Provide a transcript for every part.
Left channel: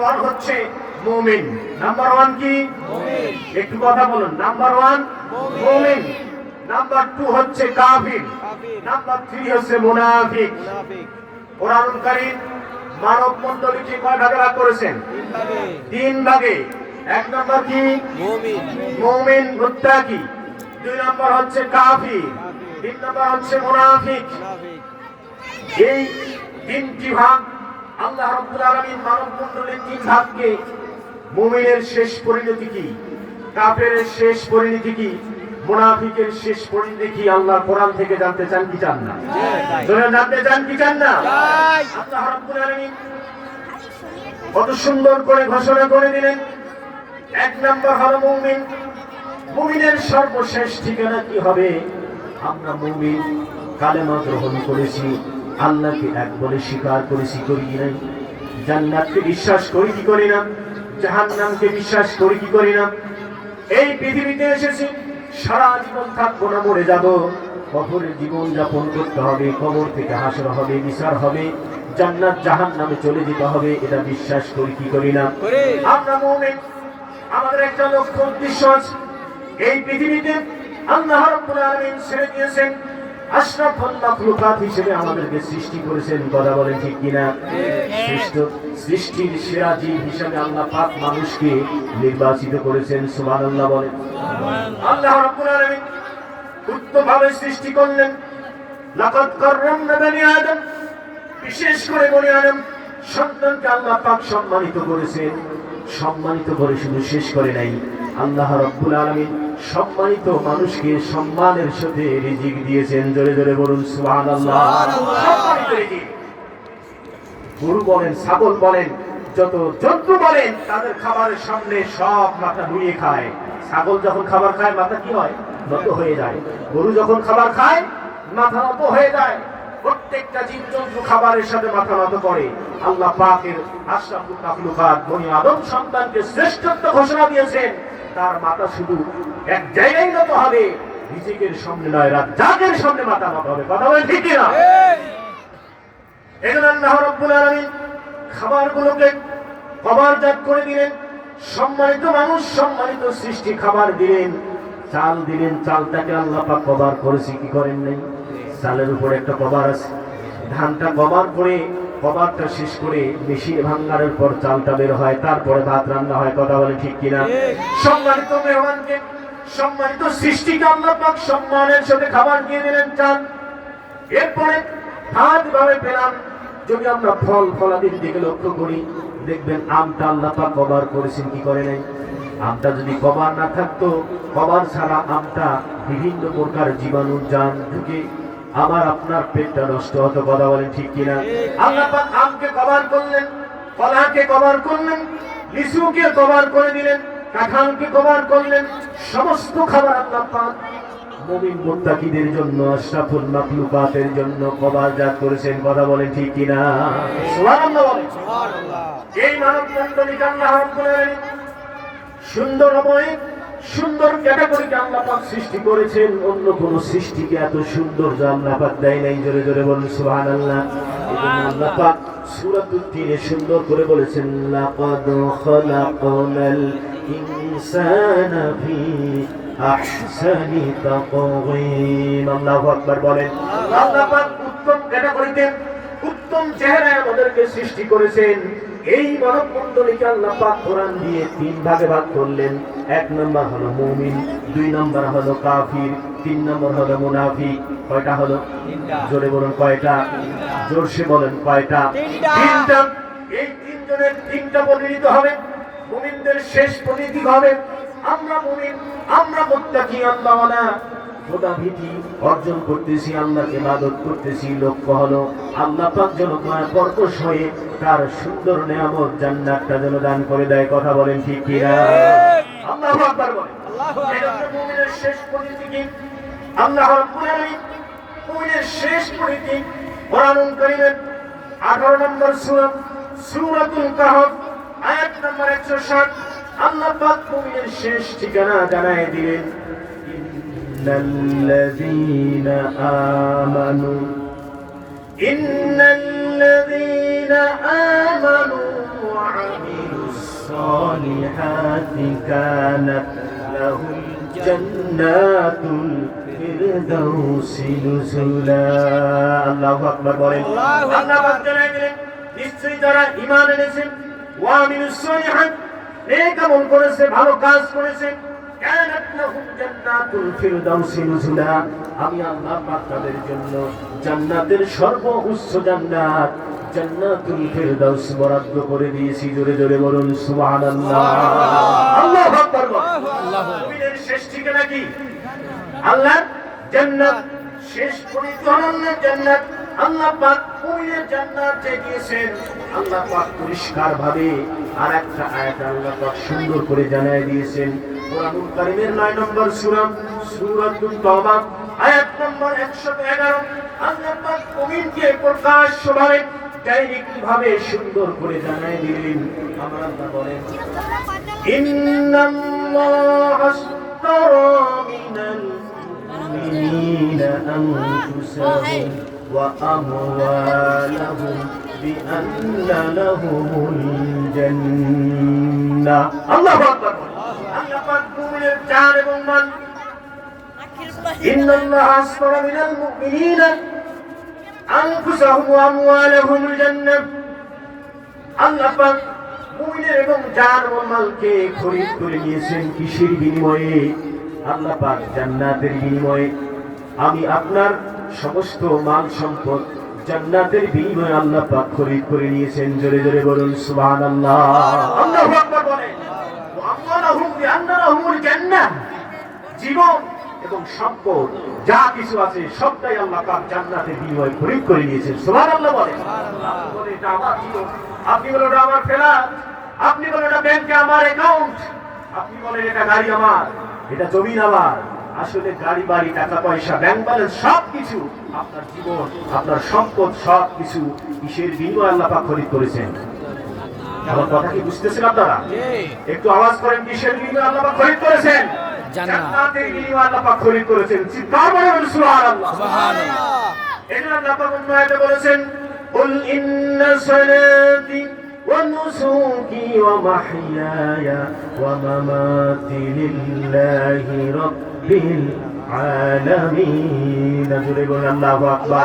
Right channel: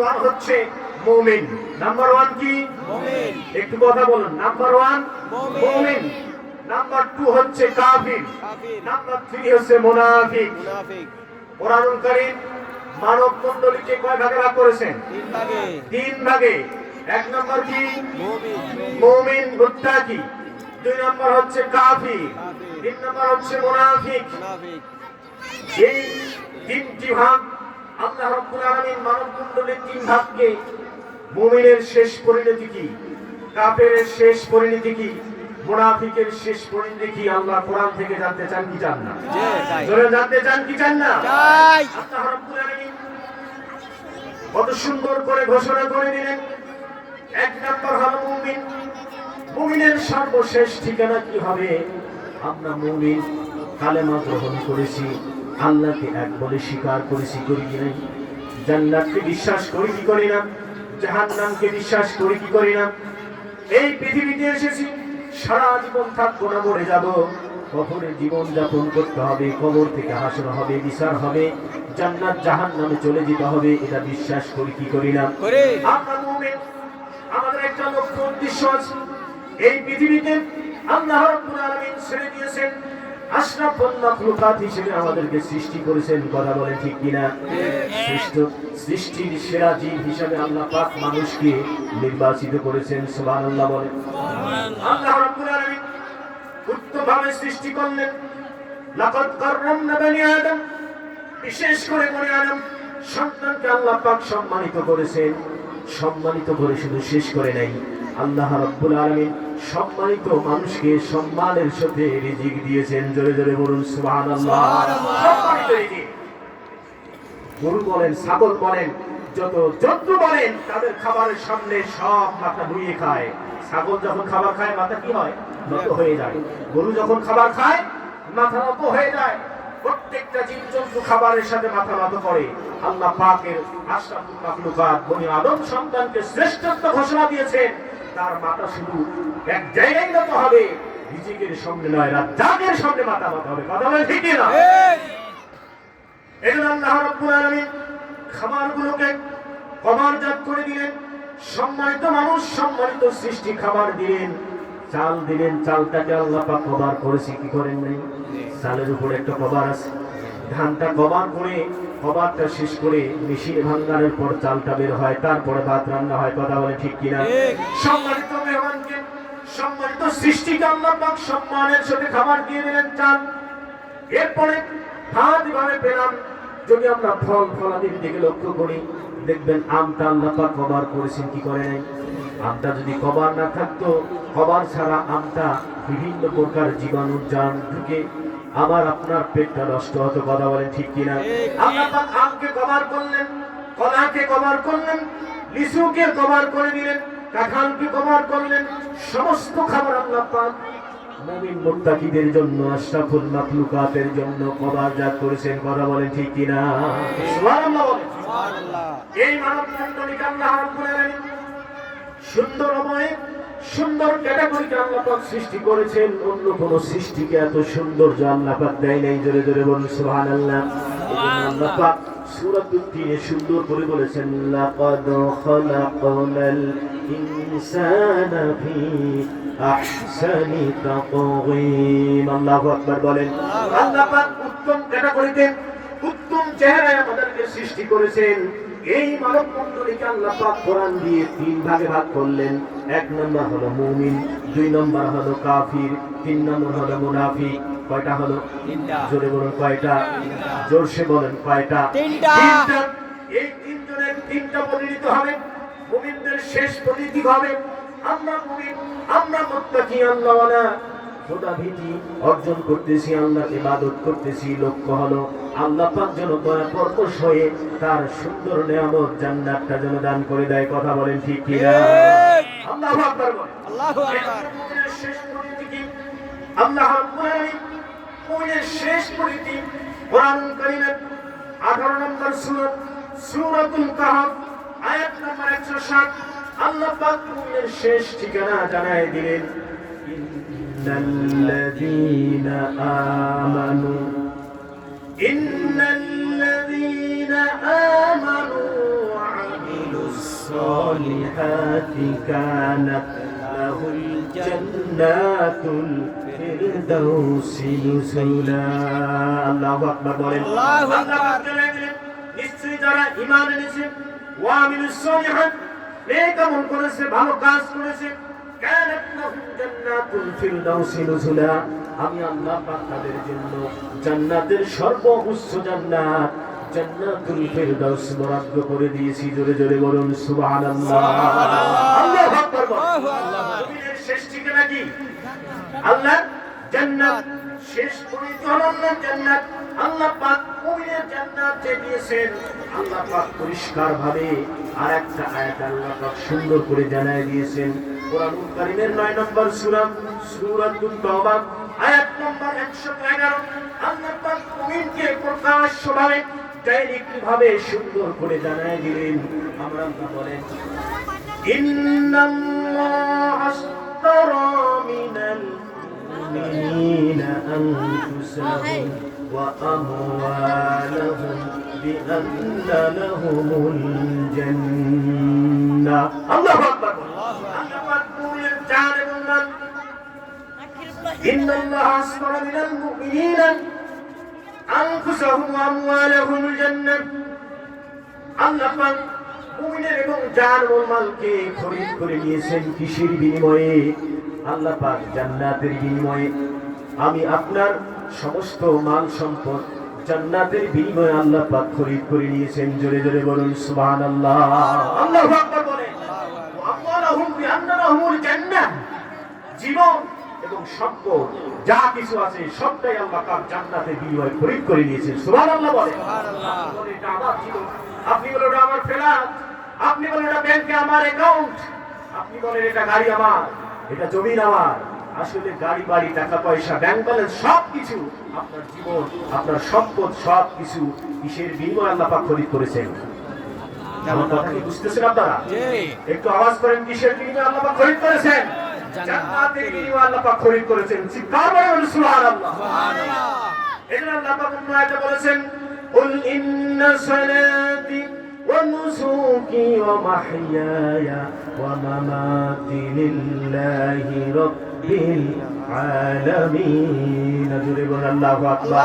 One হচ্ছে মুমিন। Number one কি? মুমিন। একটু কথা বলুন। নাম্বার ওয়ান মুমিন, নাম্বার টু হচ্ছে কাফির, নাম্বার থ্রি হচ্ছে মুনাফিক। মুনাফিক। কোরআনুল কারীম মানব মণ্ডলীকে কয় ভাগে ভাগ করেছেন? তিন ভাগে। তিন ভাগে। এক নাম্বার কি? মুমিন। মুমিন মুত্তাকি, দুই নাম্বার হচ্ছে কাফির, তিন নাম্বার হচ্ছে মুনাফিক। মুনাফিক। এই তিনটি ভাগ আল্লাহ রাব্বুল আলামিন মানব মণ্ডলীর তিন ভাগকে, মুমিনের শেষ পরিণতি কি, কাফেরের শেষ পরিণতি কি, মুনাফিকের শেষ পরিণতি কি, আল্লাহ কোরআন থেকে জানতে চান কি চান না? জোরে জানতে চান কি চান না? চাই। আল্লাহ রাব্বুল আলামিন কত সুন্দর করে ঘোষণা করে দিলেন, এক নাম্বার হলো মুমিন। মুমিনের সর্বশেষ ঠিকানা কি হবে? আমরা মুমিন, কালেমা গ্রহণ করেছি, আল্লাহকে এক বলে স্বীকার করেছি, করি কি নাই? জান্নাতকে বিশ্বাস করি কি করি না? জাহান্নামকে বিশ্বাস করি কি করি না? এই পৃথিবীতে এসেছি, সারা জীবন থাকবো না, মরে যাব। কবরে জীবন যাপন করতে হবে, কবর থেকে হাসর হবে, বিচার হবে, জান্নাত জাহান্নামে চলে যেতে হবে, এটা বিশ্বাস করি কি করি না? আমরা মুমিন। আমাদের একটা লক্ষ্য উদ্দেশ্য আছে। এই পৃথিবীতে আল্লাহ রাব্বুল আলামিন ছেড়ে দিয়েছেন, আশরাফুল মাখলুকাত হিসেবে আমাদেরকে সৃষ্টি করেছেন। কথা বলেন ঠিক কিনা? শ্রেষ্ঠ সৃষ্টির সেরা জীব হিসেবে আল্লাহ পাক মানুষকে নির্বাচিত করেছেন। সুবহানাল্লাহ বলেন। আল্লাহ রাব্বুল আলামিন উত্তমভাবে সৃষ্টি করলেন। লাকাদ কাররামনা বনি আদম, বিশেষ করে বনি আদম সন্তানকে আল্লাহ পাক সম্মানিত করেছেন। সম্মানিত করে শুধু শেষ করে নাই, আল্লাহ রাব্বুল আলামিন সম্মানিত মানুষকে সম্মানের সাথে রিজিক দিয়েছেন। জোরে জোরে বলুন সুবহানাল্লাহ। সম্মানিত রিজিক। গরু বলেন, ছাগল বলেন, যত জন্তু বলেন, তাদের খাবারের সামনে সব মাথা ধুয়ে খায়। ছাগল যখন খাবার খায় মাথা কি হয়? নত হয়ে যায়। গরু যখন খাবার খায় মাথা নত হয়ে যায়। প্রত্যেকটা জীবজন্তু খাবারের সাথে মাথা নত করে। আল্লাহ পাকের আশরাফুল মাখলুকাত বনি আদম সন্তানকে শ্রেষ্ঠত্ব ঘোষণা দিয়েছেন। তার মাথা শুধু এক জায়গায় নত হবে, রিজিকের সামনে নয়, রাজ্জাকের সামনে মাথা নত হবে। কথা বলেন ঠিক কিনা? এজন্য আল্লাহ রাব্বুল আলামিন খাবারগুলোকে কভারজাত করে দিলেন। সম্মানিত মানুষ, সম্মানিত সৃষ্টি খাবার দিলেন। চাল দিলেন, চালটাকে আল্লাহ পাক কভার করেছে, কি করেন নাই? চালের উপরে একটা কভার আছে। ধানটা কভার করে, কভারটা শেষ করে মেশিনে ভাঙানোর পর চালটা বের হয়, তারপরে ভাত রান্না হয়। কথা বলে ঠিক কিনা? সম্মানিত মেহমানকে, সম্মানিত সৃষ্টিকে আল্লাহ পাক সম্মানের সাথে খাবার দিয়ে দিলেন, চাল। এরপরে ভাত ভাবে পেলাম। যদি আমরা ফল ফলাদির দিকে লক্ষ্য করি, দেখবেন আমটা আল্লাহ পাক কভার করেছেন, কি করে নাই? আমটা যদি কভার না থাকতো, কভার ছাড়া আমটা বিভিন্ন প্রকার জীবাণু জান ঢুকে আবার আপনার পেটটা নষ্ট হতো। কথা বলেন ঠিক কিনা? আল্লাহ পাক আমকে কভার করলেন, কলাকে কভার করলেন, লিচুকে কভার করে দিলেন, কাঁঠালকে কভার করলেন। সমস্ত খাবার আল্লাহ পাক মুমিন মুত্তাকিদের জন্য, আশরাফুল মাখলুকাতের জন্য কভারজাত করেছেন। কথা বলেন ঠিক কিনা? সুবহানাল্লাহ বলেন। এই মানব মণ্ডলীকে আল্লাহ রাব্বুল আলামিন সুন্দরময়, সুন্দর ক্যাটাগরিকে আল্লাহ পাক সৃষ্টি করেছেন। অন্য কোন সৃষ্টিকে এত সুন্দর আল্লাহ পাক দেয় নাই। জোরে জোরে বলুন সুবহানাল্লাহ। এজন্য আল্লাহ পাক সূরাতুত তিনে সুন্দর করে বলেছেন, লাকাদ খালাকনাল ইনসানা ফি আহসানি তাকওয়িম। আল্লাহু আকবার বলেন। আল্লাহ পাক উত্তম ক্যাটাগরিতে, উত্তম চেহারায় আমাদেরকে সৃষ্টি করেছেন। এই মানব মণ্ডলীকে আল্লাহ পাক কোরআন দিয়ে তিন ভাগে ভাগ করলেন। এক নম্বর হলো মুমিন, দুই নম্বর হলো কাফির, তিন নম্বর হলো মুনাফিক। কয়টা হলো? জোরে বলুন কয়টা? জোরসে বলেন কয়টা? তিনটা। এই তিনজনের তিনটা পরিণত হবে। মুমিনদের শেষ পরিণতি হবে আমরা মুমিন, আমরা মুত্তাকি, আল্লাহওয়ালা, খোদা ভীতি অর্জন করতেছি, আল্লাহকে ইবাদত করতেছি। লক্ষ্য হলো আল্লাহ পাক যেন দয়া পরবশ হয়ে তার সুন্দর নিয়ামত জান্নাতটা যেন দান করে দেয়। কথা বলেন ঠিক কিনা? আল্লাহু আকবার বলেন। এটা মুমিনের শেষ পরিণতি কি? আল্লাহ রাব্বুল আলামিন মুমিনের শেষ পরিণতি কোরআনুল কারীমের 18 নম্বর সূরা, সূরাতুল কাহফ, আয়াত নম্বর 160 আল্লাহ পাক মুমিনের শেষ ঠিকানা জানায় দিলেন। ইন্নাল্লাযীনা আমানু, ইন্নাল্লাযীনা আমানু ওয়া আমিলু الصالحات كانت لهم جنات الفردوس نزلا আল্লাহু আকবার বলেন আল্লাহ পাক জানালেন নিশ্চয়ই যারা ঈমান এনেছে ওয়া আমিলুস সালিহাত নেক আমল করেছে ভালো কাজ করেছে কানাত লাহুম জান্নাতুল ফিরদাউস নুজুলা আমি আল্লাহ পাক তাদের জন্য জান্নাতের সর্বোচ্চ জান্নাত জান্নাতুল ফিরদাউস বরাদ্দ করে দিয়েছি জোরে জোরে বলুন সুবহানাল্লাহ আল্লাহু আকবার মুমিনের শেষ ঠিকানা কি আল্লাহ জান্নাত শেষ পরিপূর্ণ জান্নাত আল্লাহ পাক মুমিনের জান্নাত দিয়েছেন আল্লাহ পাক পরিষ্কার ভাবে আরেকটা আয়াত আল্লাহ পাক সুন্দর করে জানায় দিয়েছেন কোরআনুল কারীমের 9 নম্বর সূরা সূরাতুত তাওবা আয়াত নম্বর 111 আল্লাহ পাক মুমিনকে প্রকাশ্যভাবে ডাইরেক্ট ভাবে সুন্দর করে জানায় দিলেন আমরা বলেন ইন্নাল্লাহা আশতারা মিনাল মুমিনিনা আনফুসাহুম ওয়া আমওয়ালাহুম বিআন্না লাহুমুল জান্নাহ আল্লাহু আকবার আল্লাহ পাক মুমিনের জান এবং মাল ইন্নাল্লাহা আশতারা মিনাল মুমিনিনা আনফুসাহুম ওয়া আমওয়ালাহুমুল জান্নাহ আল্লাহ পাক মুমিনের এবং জান ও মালকে খরিদ করে নিয়েছেন কিসের বিনিময়ে আল্লাহ পাক জান্নাতের বিনিময়ে আমি আপনার সমস্ত মাল সম্পদ জান্নাতের বিনিময়ে আল্লাহ পাক খরিদ করে নিয়েছেন জোরে জোরে বলুন সুবহানাল্লাহ আল্লাহু আকবার বলেন ওয়া আমওয়ালাহুম বিআন্না লাহুমুল জান্নাহ জীবন এবং সম্পদ যা কিছু আছে সবটাই আল্লাহ পাক জান্নাতের বিনিময়ে খরিদ করে নিয়েছেন সুবহানাল্লাহ বলেন বলে এটা আমার জীবন আপনি বলেন এটা আমার ফ্ল্যাট আপনি বলেন এটা ব্যাংকে আমার অ্যাকাউন্ট আপনি বলেন এটা গাড়ি আমার এটা জমি আমার আসলে গাড়ি বাড়ি টাকা পয়সা ব্যাংক ব্যালেন্স সবকিছু আপনার জীবন আপনার সম্পদ সবকিছু কিসের বিনিময়ে আল্লাহ পাক খরিদ করেছেন আমার কথা কি বুঝতেছেন আপনারা একটু আওয়াজ করেন কিসের বিনিময়ে আল্লাহ পাক খরিদ করেছেন জান্নাতের বিনিময়ে আল্লাহ পাক খরিদ করেছেন চিৎকার করে বলুন সুবহানাল্লাহ সুবহানাল্লাহ এজন্য আল্লাহ পাক অন্য আয়াতে বলেছেন কুল ইন্না সালাতি ونسوكي ومحياي ومماتي لله رب العالمين الله أكبر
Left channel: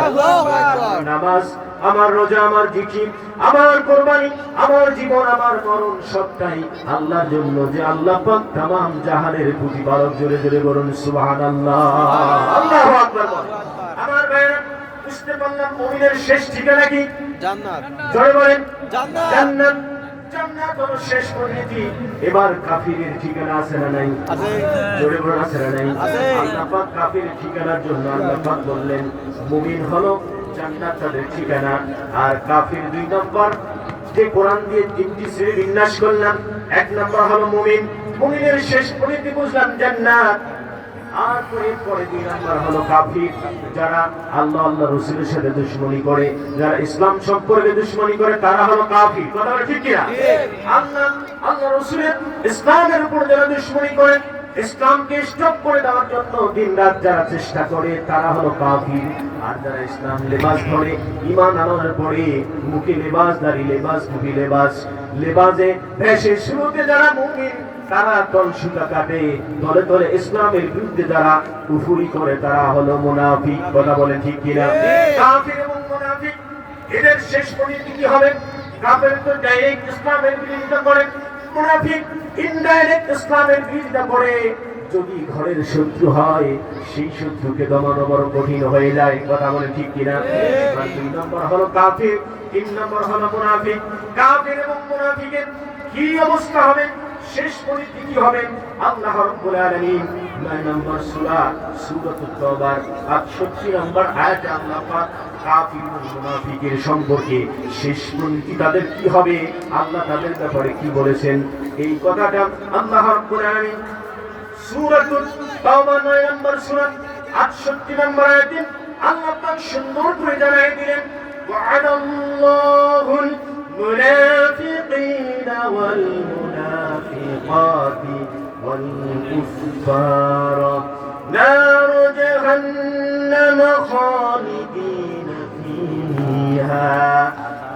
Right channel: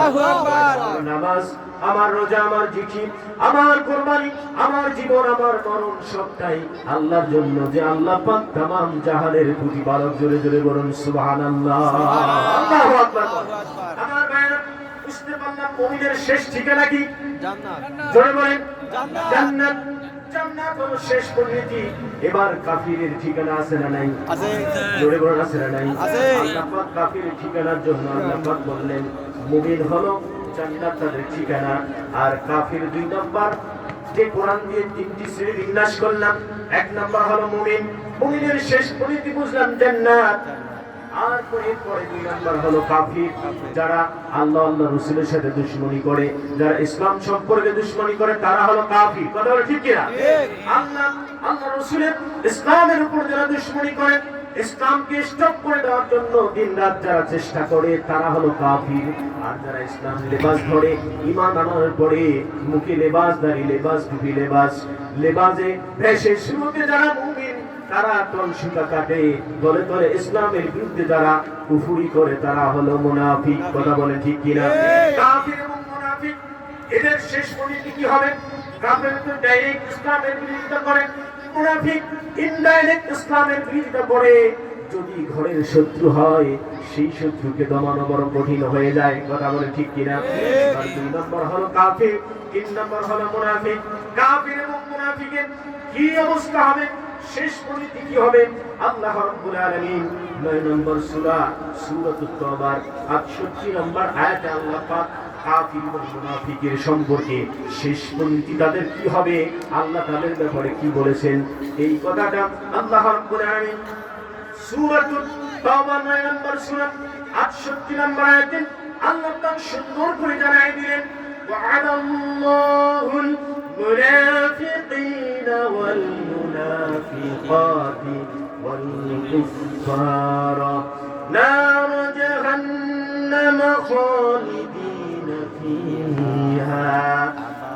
নামাজ আমার রোজা আমার জিকির আমার কুরবানি আমার জীবন আমার মরণ সবটাই আল্লাহর জন্য যে আল্লাহ পাক तमाम জাহানের প্রতিপালক জোরে জোরে বলুন সুবহানাল্লাহ আল্লাহু আকবার আমার ভাইরা বুঝতে পারলাম মুমিনের শেষ ঠিকানা কি জান্নাত জোরে বলেন জান্নাত জান্নাত হলো শেষ পরিণতি এবার কাফিরের ঠিকানা আছে না নাই আছে জোরে বলেন আছে না নাই আল্লাহ পাক কাফিরের ঠিকানার জন্য আল্লাহ পাক বললেন মুমিন হলো জান্নাতের ঠিকানা আর কাফির দুই নম্বর যে কোরআন দিয়ে তিনটি শ্রেণী বিন্যাস করলাম এক নম্বর হলো মুমিন মুমিনের শেষ পরিণতি বুঝলাম জান্নাত আর পরে দুই নম্বর হলো কাফির যারা আল্লাহ আল্লাহ রাসূলের সাথে দুশমনি করে যারা ইসলাম সম্পর্কে দুশমনি করে তারা হলো কাফির কথা বলে ঠিক কি না আল্লাহ আল্লাহ রাসূলের ইসলামের উপর যারা দুশমনি করে ইসলামকে স্টপ করে দেওয়ার জন্য দিনরাত যারা চেষ্টা করে তারা হলো কাফির আর যারা ইসলাম লেবাস ধরে ঈমান আনার পরে মুখে লেবাসদারি লেবাস টুপি লেবাসে ভেসে শুরুতে যারা মুমিন তারা তলসুতা কাটে দলে দলে ইসলামের বিরুদ্ধে যারা কুফরি করে তারা হলো মুনাফিক কথা বলেন ঠিক কিনা কাফির এবং মুনাফিক এদের শেষ পরিণতি কি হবে কাফির তো ডাইরেক্ট ইসলামের বিরোধিতা করে মুনাফিক ইনডাইরেক্ট ইসলামের বিরোধিতা করে যদি ঘরের শত্রু হয় সেই শত্রুকে দমানো বড় কঠিন হয়ে যায় কথা বলেন ঠিক কিনা আর দুই নম্বর হলো কাফির তিন নম্বর হলো মুনাফিক কাফির এবং মুনাফিকের কি অবস্থা হবে শেষ পরিণতি কি হবে আল্লাহ রাব্বুল আলামিন 9 নম্বর সূরা সূরাতুত তাওবার 68 নম্বর আয়াতে আল্লাহ পাক কাফির এবং মুনাফিকের সম্পর্কে শেষ পরিণতি তাদের কি হবে আল্লাহ তাদের ব্যাপারে কি বলেছেন এই কথাটা আল্লাহ রাব্বুল আলামিন সূরাতুত তাওবা 9 নম্বর সূরা 68 নম্বর আয়াতে আল্লাহ পাক সুন্দর করে জানাই দিলেন وعد الله المنافقين والمنافقات والكفار نار جهنم خالدين فيها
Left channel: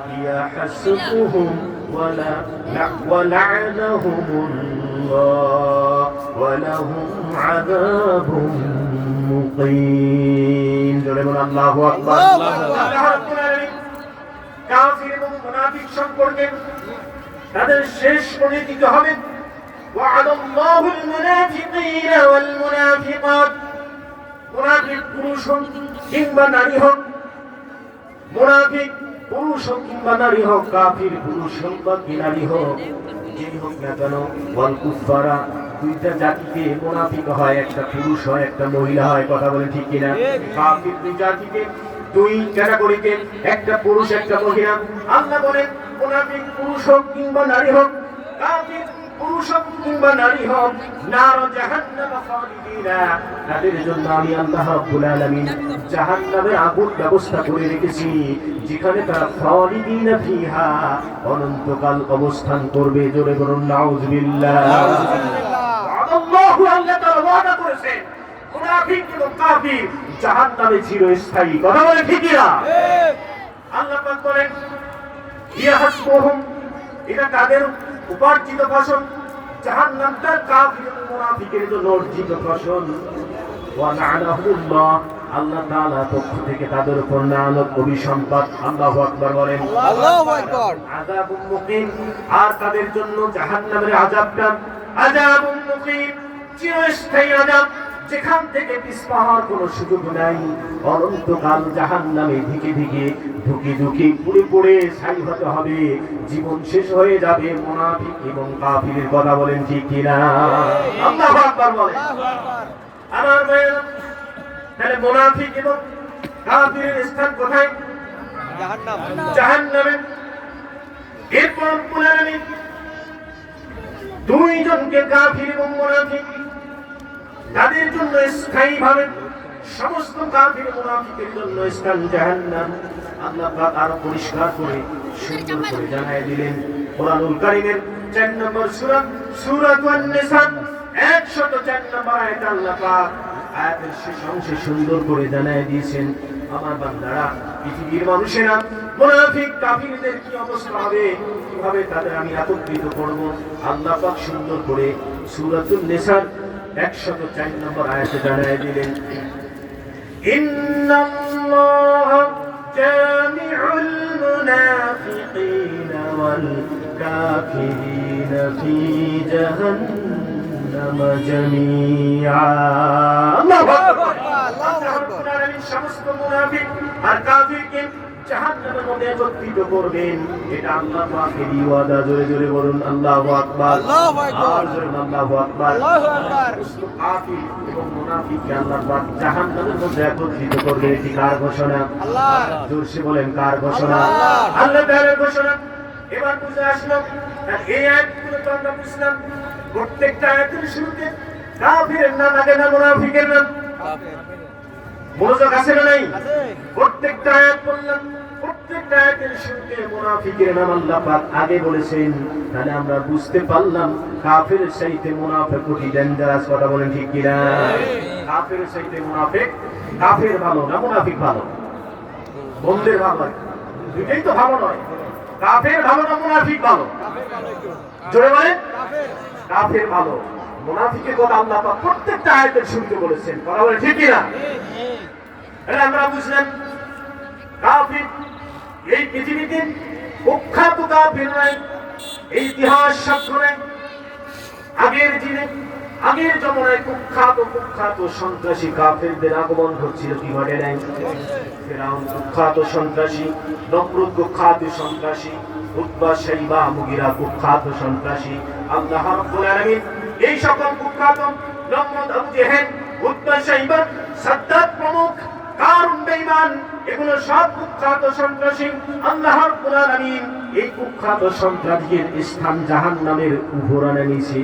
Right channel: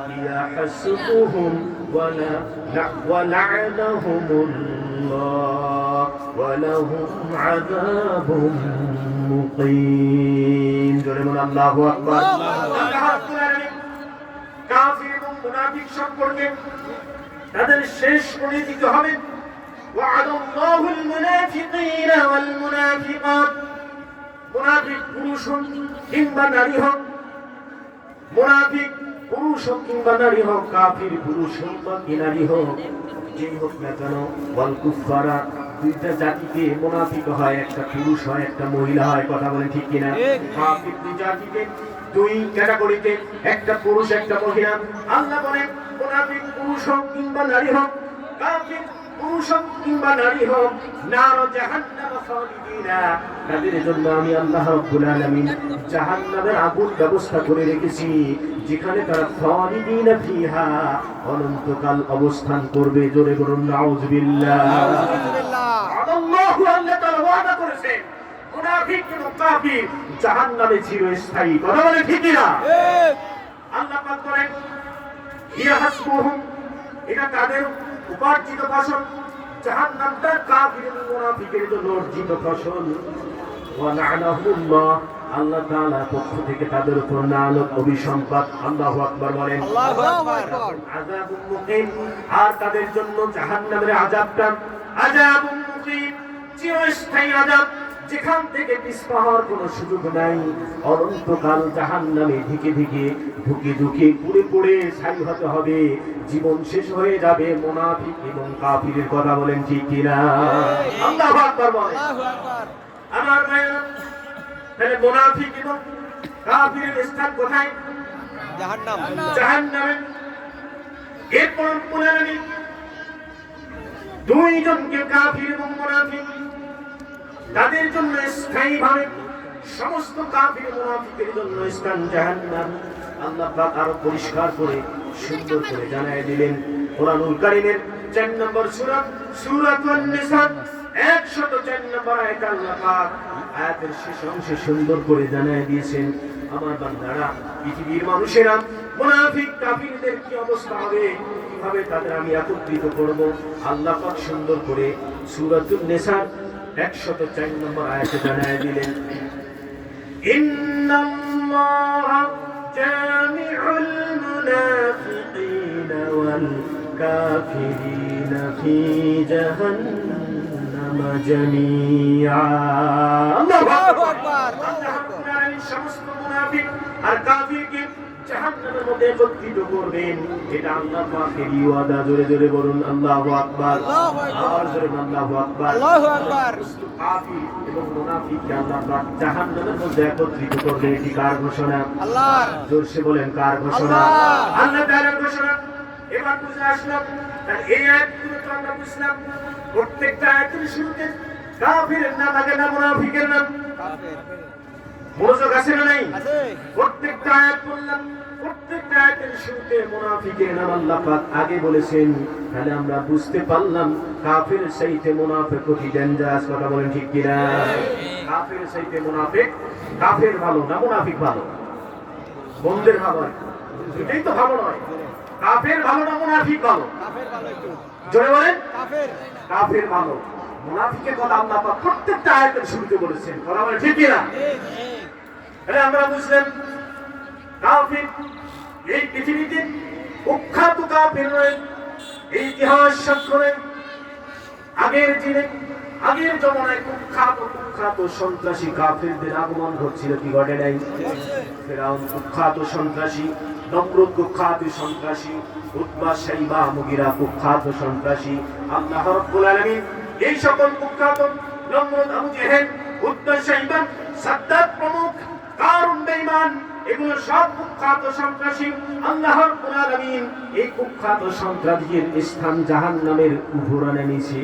هي حسبهم ولا ولعنهم الله ولهم عذاب مقيم الله أكبر কাফির এবং মুনাফিক সম্পর্কে তাদের শেষ করে দিতে হবে وعد الله المنافقين والمنافقات মুনাফিক পুরুষ হোক কিংবা নারী হোক মুনাফিক পুরুষ হোক কিংবা নারী হোক কাফির পুরুষ হোক বা নারী হোক যেই হোক না কেন ওয়াল কুফারা দুইটা জাতিকে মুনাফিক হয় একটা পুরুষ হয় একটা মহিলা হয় কথা বলে ঠিক কিনা কাফির দুই জাতিকে দুই ক্যাটাগরিকে একটা পুরুষ একটা মহিলা আল্লাহ বলেন মুনাফিক পুরুষ হোক কিংবা নারী হোক কাফির পুরুষ হোক কিংবা নারী হোক নার জাহান্নাম খালিদিনা তাদের জন্য আমি আল্লাহ রাব্বুল আলামিন জাহান্নামের আগুন ব্যবস্থা করে রেখেছি যেখানে তারা খালিদিনা ফিহা অনন্তকাল অবস্থান করবে জোরে বলুন নাউযুবিল্লাহ আল্লাহু আল্লাহ তাআলা ওয়াদা করেছেন মুনাফিক এবং কাফির জাহান্নামে চিরস্থায়ী কথা বলে ঠিক না আল্লাহ পাক বলেন ইয়া হাসবুহুম এটা তাদের উপার্জিত ফসল জাহান্নামটা কাফির মুনাফিকের জন্য অর্জিত ফসল ওয়া লা'নাহুল্লাহ আল্লাহ তাআলা পক্ষ থেকে তাদের উপর লানত অভিসম্পাত আল্লাহু আকবার বলেন আল্লাহু আকবার আযাবুল মুকিম আর তাদের জন্য জাহান্নামের আযাবটা আযাবুল মুকিম চিরস্থায়ী আযাব যেখান থেকে পিছপা হওয়ার কোনো সুযোগ নাই অনন্তকাল জাহান্নামে ঢুকে ঢুকে পুড়ে পুড়ে ছাই হতে হবে জীবন শেষ হয়ে যাবে মুনাফিক এবং কাফিরের কথা বলেন ঠিক কিনা আল্লাহু আকবার বলেন আমার ভাইরা তাহলে মুনাফিক এবং কাফিরের স্থান কোথায় জাহান্নামে এরপর পুনরায় দুইজনকে কাফির এবং মুনাফিক তাদের জন্য স্থায়ীভাবে সমস্ত কাফির মুনাফিকের জন্য স্থান জাহান্নাম আল্লাহ পাক আরো পরিষ্কার করে সুন্দর করে জানায় দিলেন কোরআনুল কারীমের 4 নম্বর সূরা সূরাতুন নিসা 104 নম্বর আয়াতে আল্লাহ পাক আয়াতের শেষ অংশে সুন্দর করে জানায় দিয়েছেন আমার বান্দারা পৃথিবীর মানুষেরা মুনাফিক কাফিরদের কি অবস্থা হবে কিভাবে তাদের আমি একত্রিত করব আল্লাহ পাক সুন্দর করে সূরাতুন নিসার 104 নম্বর আয়াতে জানায় দিলেন ইন্নাল্লাহ জামিউল মুনাফিকিনা ওয়াল কাফিরিনা ফি জাহান্নাম জামিআ আল্লাহু আকবার সমস্ত মুনাফিক আর কাফিরকে জাহান্নামের মধ্যে একত্রিত করবেন এটা আল্লাহ পাকের ওয়াদা জোরে জোরে বলুন আল্লাহু আকবার আল্লাহু আকবার আল্লাহু আকবার কাফির এবং মুনাফিককে আল্লাহ পাক জাহান্নামের মধ্যে একত্রিত করবেন এটি কার ঘোষণা আল্লাহ জোরসে বলেন কার ঘোষণা আল্লাহ তাআলার ঘোষণা এবার বুঝে আসলো আর এই আয়াতগুলো তো আমরা বুঝলাম প্রত্যেকটা আয়াতের শুরুতে কাফিরের নাম আগে না মুনাফিকের নাম কাফির মনোযোগ আছে না নাই প্রত্যেকটা আয়াত বললাম প্রত্যেকটা আয়াতের শুরুতে মুনাফিকের নাম আল্লাহ পাক আগে বলেছেন তাহলে আমরা বুঝতে পারলাম কাফির চাইতে মুনাফিক অতি ডেঞ্জারাস কথা বলেন ঠিক কি না কাফির চাইতে মুনাফিক কাফির ভালো না মুনাফিক ভালো বন্ধের ভালো এটাই তো ভালো নয় কাফির ভালো না মুনাফিক ভালো জোরে বলেন কাফির ভালো মুনাফিকের কথা আল্লাহ পাক প্রত্যেকটা আয়াতের শুরুতে বলেছেন কথা বলেন ঠিক কি না আমরা বুঝলাম কাফির এই পৃথিবীতে কুখ্যাত কাফির নয় এই ইতিহাস সাক্ষ্য আগের দিনে আগের জমানায় কুখ্যাত সন্ত্রাসী কাফিরদের আগমন হচ্ছিল কি ঘটে নাই ফিরআউন কুখ্যাত সন্ত্রাসী নমরুদ কুখ্যাত সন্ত্রাসী উতবা শাইবা মুগিরা কুখ্যাত সন্ত্রাসী আল্লাহ রাব্বুল আলামিন এই সকল কুখ্যাত নমরুদ আবু জেহেল উতবা শাইবা সাদ্দাত প্রমুখ কারণ বেঈমান এগুলো সব কুখ্যাত সন্ত্রাসী আল্লাহ রাব্বুল আলামিন এই কুখ্যাত সন্ত্রাসীর স্থান জাহান্নামের উপরে নিয়েছে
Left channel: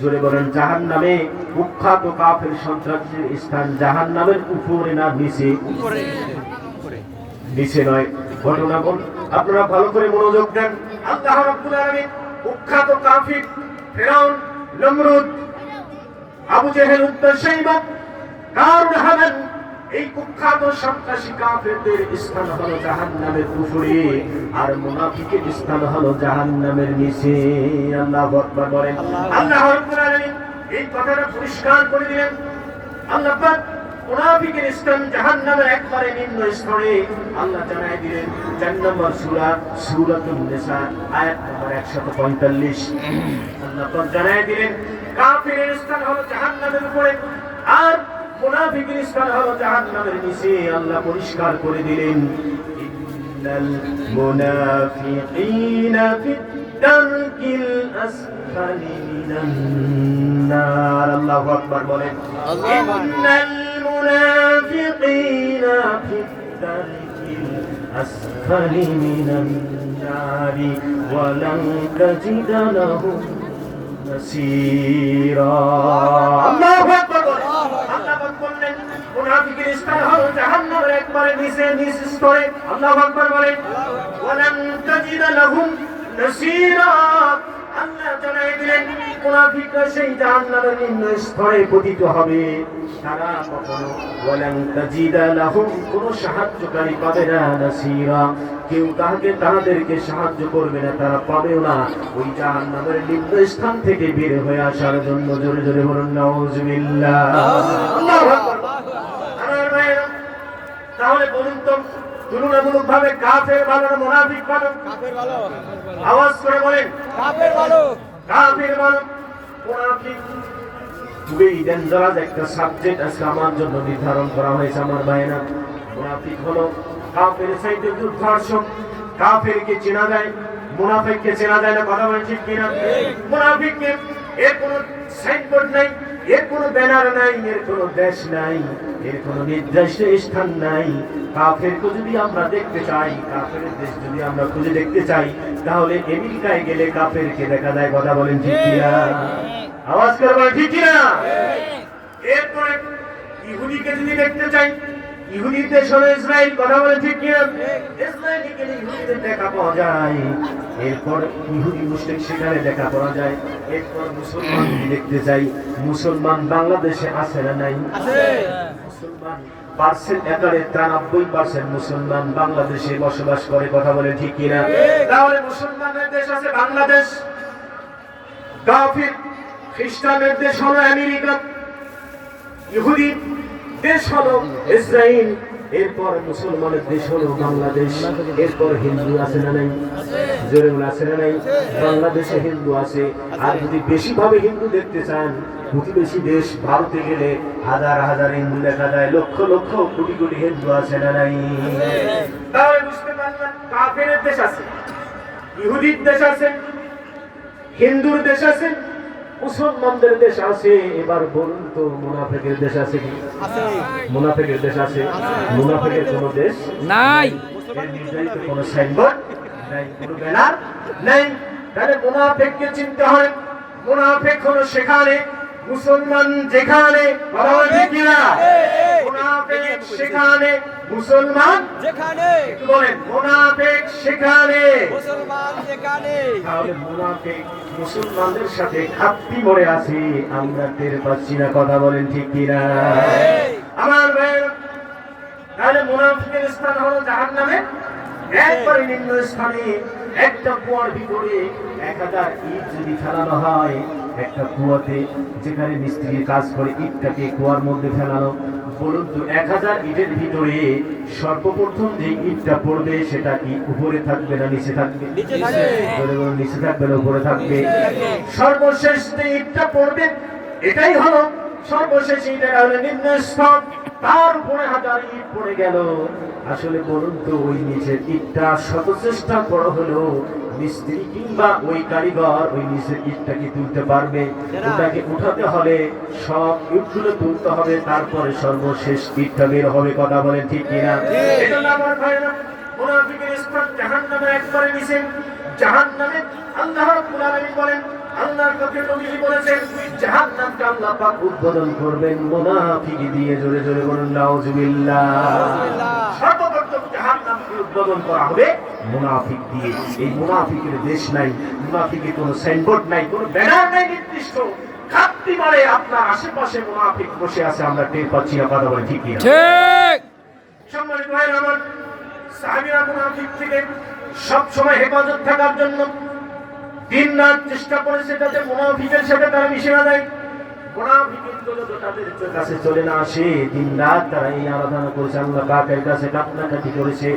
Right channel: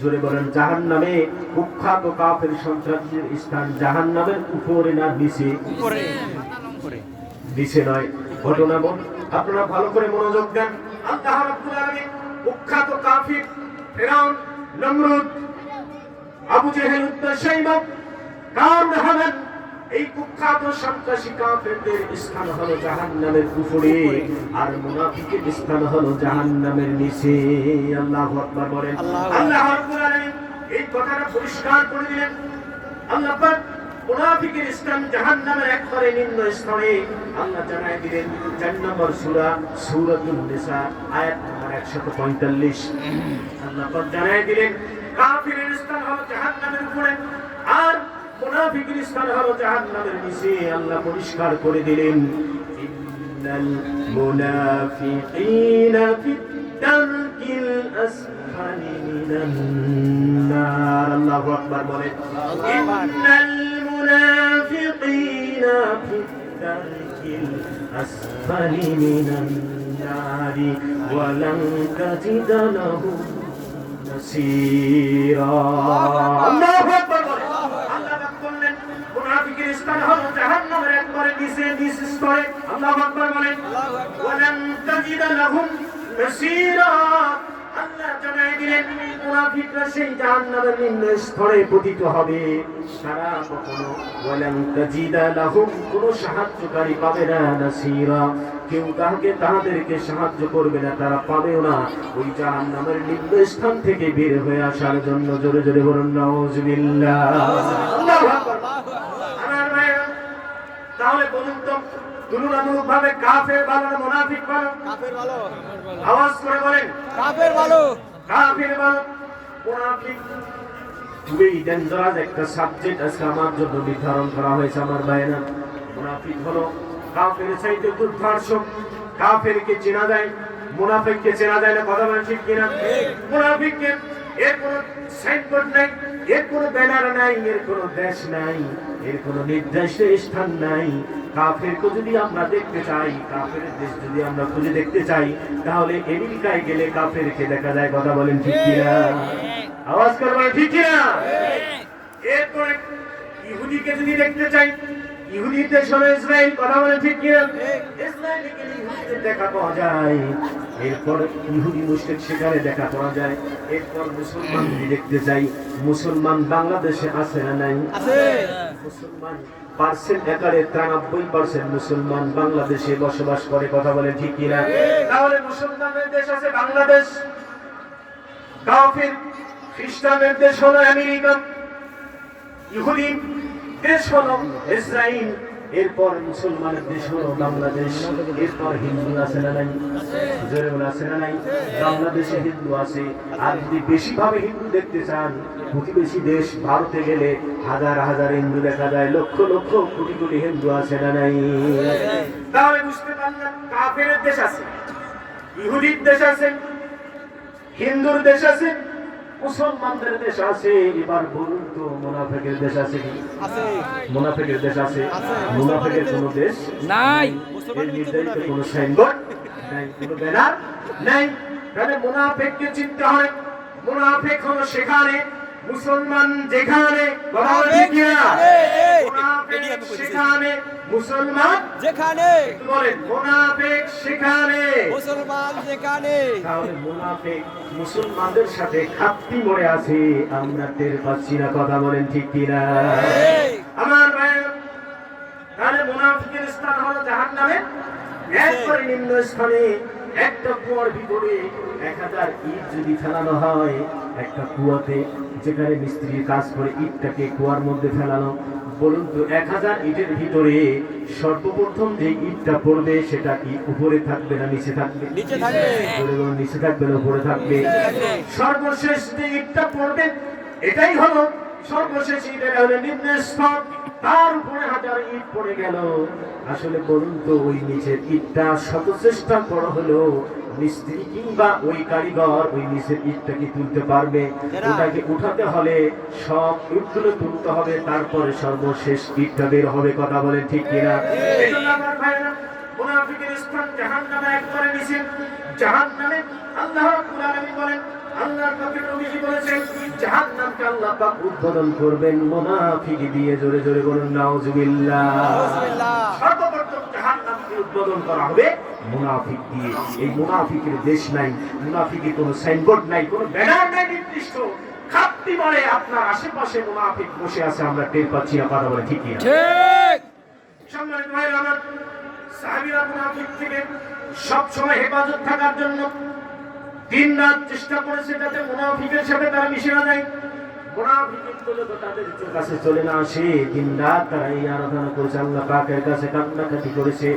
জোরে বলেন জাহান্নামে কুখ্যাত কাফের সন্ত্রাসীর স্থান জাহান্নামের উপরে না নিচে নিচে নয় ঘটনা বল আপনারা ভালো করে মনোযোগ দেন আল্লাহ রাব্বুল আলামিন কুখ্যাত কাফির ফিরআউন নমরুদ আবু জেহেল উতবা শাইবা কারণ হামান এই কুখ্যাত সন্ত্রাসী কাফেরদের স্থান হলো জাহান্নামের উপরে, আর মুনাফিকের স্থান হলো জাহান্নামের নিচে। আল্লাহু আকবার বলেন। আল্লাহ রাব্বুল আলামিন এই কথাটা পরিষ্কার করে দিলেন। আল্লাহ পাক মুনাফিকের স্থান জাহান্নামের একবারে নিম্ন স্তরে আল্লাহ জানায় দিলেন ৪ নম্বর সূরা সূরাতুন নিসা আয়াত নম্বর ১৪৫। আল্লাহ পাক জানায় দিলেন কাফিরের স্থান হলো জাহান্নামের উপরে আর মুনাফিকের স্থান হলো জাহান্নামের নিচে। আল্লাহ পরিষ্কার করে দিলেন ইন্নাল মুনাফিকিনা ফিদ দারকিল আসফালি মিনান নার। আল্লাহু আকবার বলেন। ইন্নাল মুনাফিকিনা ফিদ দারকিল আসফালি মিনান নার ওয়া লান তাজিদা লাহুম নাসীরা। আল্লাহু আকবার বলেন। মুনাফিকের স্থান হলো জাহান্নামের একবারে নিচে নিচ স্তরে। আল্লাহু আকবার বলেন। ওয়ালান তাজিদা লাহুম নাসীরা। আল্লাহ জানাই দিলেন মুনাফিকরা সেই জাহান্নামের নিম্ন স্তরে পতিত হবে। তারা কখনো ওয়ালান তাজিদা লাহুম কোন সাহায্যকারী পাবে না, নাসীরা কেউ তাদেরকে সাহায্য করবে না, তারা পাবেও না। ওই জাহান্নামের নিম্ন স্থান থেকে বের হয়ে আসার জন্য জোরে জোরে বলুন নাউযুবিল্লাহ। আল্লাহু আকবার। তাহলে বলুন তো তুলনামূলক ভাবে কাফের ভালো না মুনাফিক ভালো? কাফের ভালো। আওয়াজ করে বলেন কাফের ভালো। কাফের ভালো। মুনাফিক খুবই ডেঞ্জারাস একটা সাবজেক্ট আজকে আমার জন্য নির্ধারণ করা হয়েছে আমার ভাইয়েরা। মুনাফিক হলো কাফের চাইতে দুর্ধর্ষক। কাফেরকে চেনা যায়, মুনাফিককে চেনা যায় না। কথা বলেন ঠিক কিনা? মুনাফিককে এর কোনো সাইনবোর্ড নাই, এর কোনো ব্যানার নাই, এর কোনো দেশ নাই, এর কোনো নির্দিষ্ট স্থান নাই। কাফেরকে যদি আমরা দেখতে চাই, কাফেরের দেশ যদি আমরা খুঁজে দেখতে চাই, তাহলে আমেরিকায় গেলে কাফেরকে দেখা যায়। কথা বলেন ঠিক কিনা? আওয়াজ করে বলেন ঠিক কিনা? এরপরে ইহুদিকে যদি দেখতে চাই, ইহুদি দেশ হলো ইসরায়েল। কথা বলেন ঠিক কিনা? ইসরায়েলে গেলে ইহুদিদের দেখা পাওয়া যায়। এরপর ইহুদি মুশরিক সেখানে দেখা পাওয়া যায়। এরপর মুসলমান যদি দেখতে চাই, মুসলমান বাংলাদেশে আছে না নাই? আছে। মুসলমান পার্সেন্ট আকারে 93% মুসলমান বাংলাদেশে বসবাস করে। কথা বলেন ঠিক কিনা? তাহলে মুসলমানের দেশ আছে বাংলাদেশ, কাফির খ্রিস্টানের দেশ হলো আমেরিকা, ইহুদি দেশ হলো ইসরায়েল, এরপর মুসলমানের দেশ হলো বাংলাদেশ, এরপর হিন্দু আছে না নাই? জোরে বলে আছে না নাই? বাংলাদেশে হিন্দু আছে। আর যদি বেশি ভাবে হিন্দু দেখতে চান, প্রতিবেশী দেশ ভারতে গেলে হাজার হাজার হিন্দু দেখা যায়, লক্ষ লক্ষ কোটি কোটি হিন্দু আছে না নাই? তাহলে বুঝতে পারলাম কাফেরের দেশ আছে, ইহুদির দেশ আছে, হিন্দুর দেশ আছে, মুসলমানদের দেশ আছে। এবার বলুন তো মুনাফিকের দেশ আছে কি? আছে। মুনাফিকের দেশ আছে? মুনাফিকের কোনো দেশ নাই, এর নির্ধারিত কোনো সাইনবোর্ড নাই, কোনো ব্যানার নাই। তাহলে মুনাফিককে চিনতে হবে। মুনাফিক হলো সেখানে, মুসলমান যেখানে। কথা বলেন ঠিক কিনা? মুনাফিক সেখানে, মুসলমান যেখানে। বলেন মুনাফিক সেখানে, মুসলমান যেখানে। তাহলে মুনাফিক মুসলমানদের সাথে খাপ্পি মরে আছে, আমরা টের পাচ্ছি না। কথা বলেন ঠিক কিনা? আমার ভাই, তাহলে মুনাফিকের স্থান হলো জাহান্নামে একবারে নিম্ন স্থানে। একটা কুয়ার ভিতরে 1000 ইট যদি ফেলানো হয়, একটা কুয়াতে যেখানে মিস্ত্রি কাজ করে ইটটাকে কুয়ার মধ্যে ফেলানো, বলুন তো 1000 ইটের ভিতরে সর্বপ্রথম যে ইটটা পড়বে সেটা কি উপরে থাকবে না নিচে থাকবে? নিচে থাকবে না উপরে থাকবে? সর্বশেষ যে ইটটা পড়বে এটাই হলো সর্বশেষ ইট, এটা হলো নিম্ন স্তর। তার উপরে 1000 ইট পড়ে গেল। আসলে বলুন তো ওই নিচের ইটটা শত চেষ্টা বড় হলো মিস্ত্রি কিংবা ওই কারিগর ওই নিচের ইটটা কি তুলতে পারবে? ওটাকে উঠাতে হলে সব ইটগুলো তুলতে হবে, তারপরে সর্বশেষ ইটটা বের হবে। কথা বলেন ঠিক কিনা? এজন্য আমার ভাইরা, মুনাফিকের স্থান জাহান্নামের একবারে নিচে। জাহান্নামে আল্লাহ রাব্বুল আলামিন বলেন, আল্লাহর পক্ষে নবীজি বলেছেন জাহান্নামকে আল্লাহ পাক উদ্বোধন করবেন মুনাফিক দিয়ে। জোরে জোরে বলুন নাউযুবিল্লাহ। সর্বপ্রথম জাহান্নামকে উদ্বোধন করা হবে মুনাফিক দিয়ে। এই মুনাফিকের দেশ নাই, মুনাফিকের কোনো সাইনবোর্ড নাই, কোনো ব্যানার নাই নির্দিষ্ট। চাপটি মারে আপনার আশেপাশে মুনাফিক বসে আছে, আমরা টের পাচ্ছি না, কথা বলে ঠিক না? ঠিক। সম্মানিত ভাইরা আমার, সাহাবীরা মুনাফিক থেকে সব সময় হেফাজত থাকার জন্য দিন-রাত চেষ্টা করেছে যাতে মুনাফিকের সাথে তারা মিশে না যায়, মুনাফিকের যত তাদের কাছে চলে না আসে। দিন-রাত তারা এই আরাধনা করেছে, আল্লাহ পাকের কাছে কান্নাকাটি করেছে।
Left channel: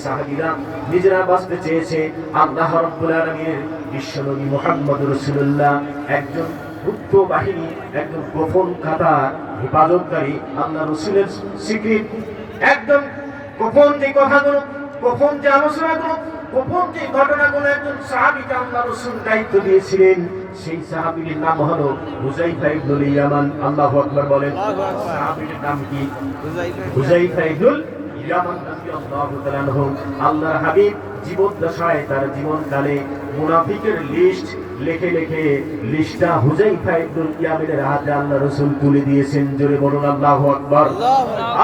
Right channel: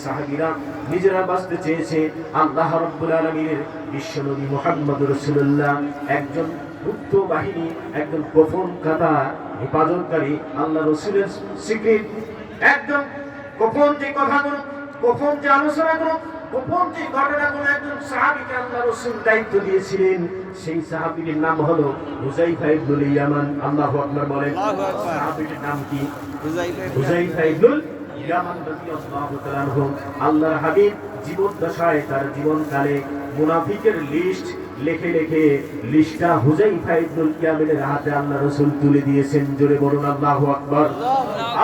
সাহাবীরা নিজেরা বাঁচতে চেয়েছে। আল্লাহ রাব্বুল আলামিনের বিশ্বনবী মুহাম্মদুর রাসূলুল্লাহ একজন গুপ্ত বাহিনী, একজন গোপন কাতা হেফাজতকারী, আল্লাহ রাসূলের সিক্রেট একদম গোপন যে কথাগুলো, গোপন যে আলোচনাগুলো, গোপন যে ঘটনাগুলো একজন সাহাবীকে আল্লাহ রাসূল দায়িত্ব দিয়েছিলেন, সেই সাহাবীর নাম হলো হুযায়ফা ইবনুল ইয়ামান। আল্লাহু আকবার বলেন। সাহাবীর নাম কি? হুযায়ফা ইবনুল ইয়ামান রাদিয়াল্লাহু তাআলা আনহু। আল্লাহর হাবিব জীবদ্দশায় তার জীবনকালে মুনাফিকের লিস্ট লিখে লিখে লিস্টটা হুযায়ফা ইবনুল ইয়ামানের হাতে আল্লাহ রাসূল তুলে দিয়েছেন। জোরে বলুন আল্লাহু আকবার।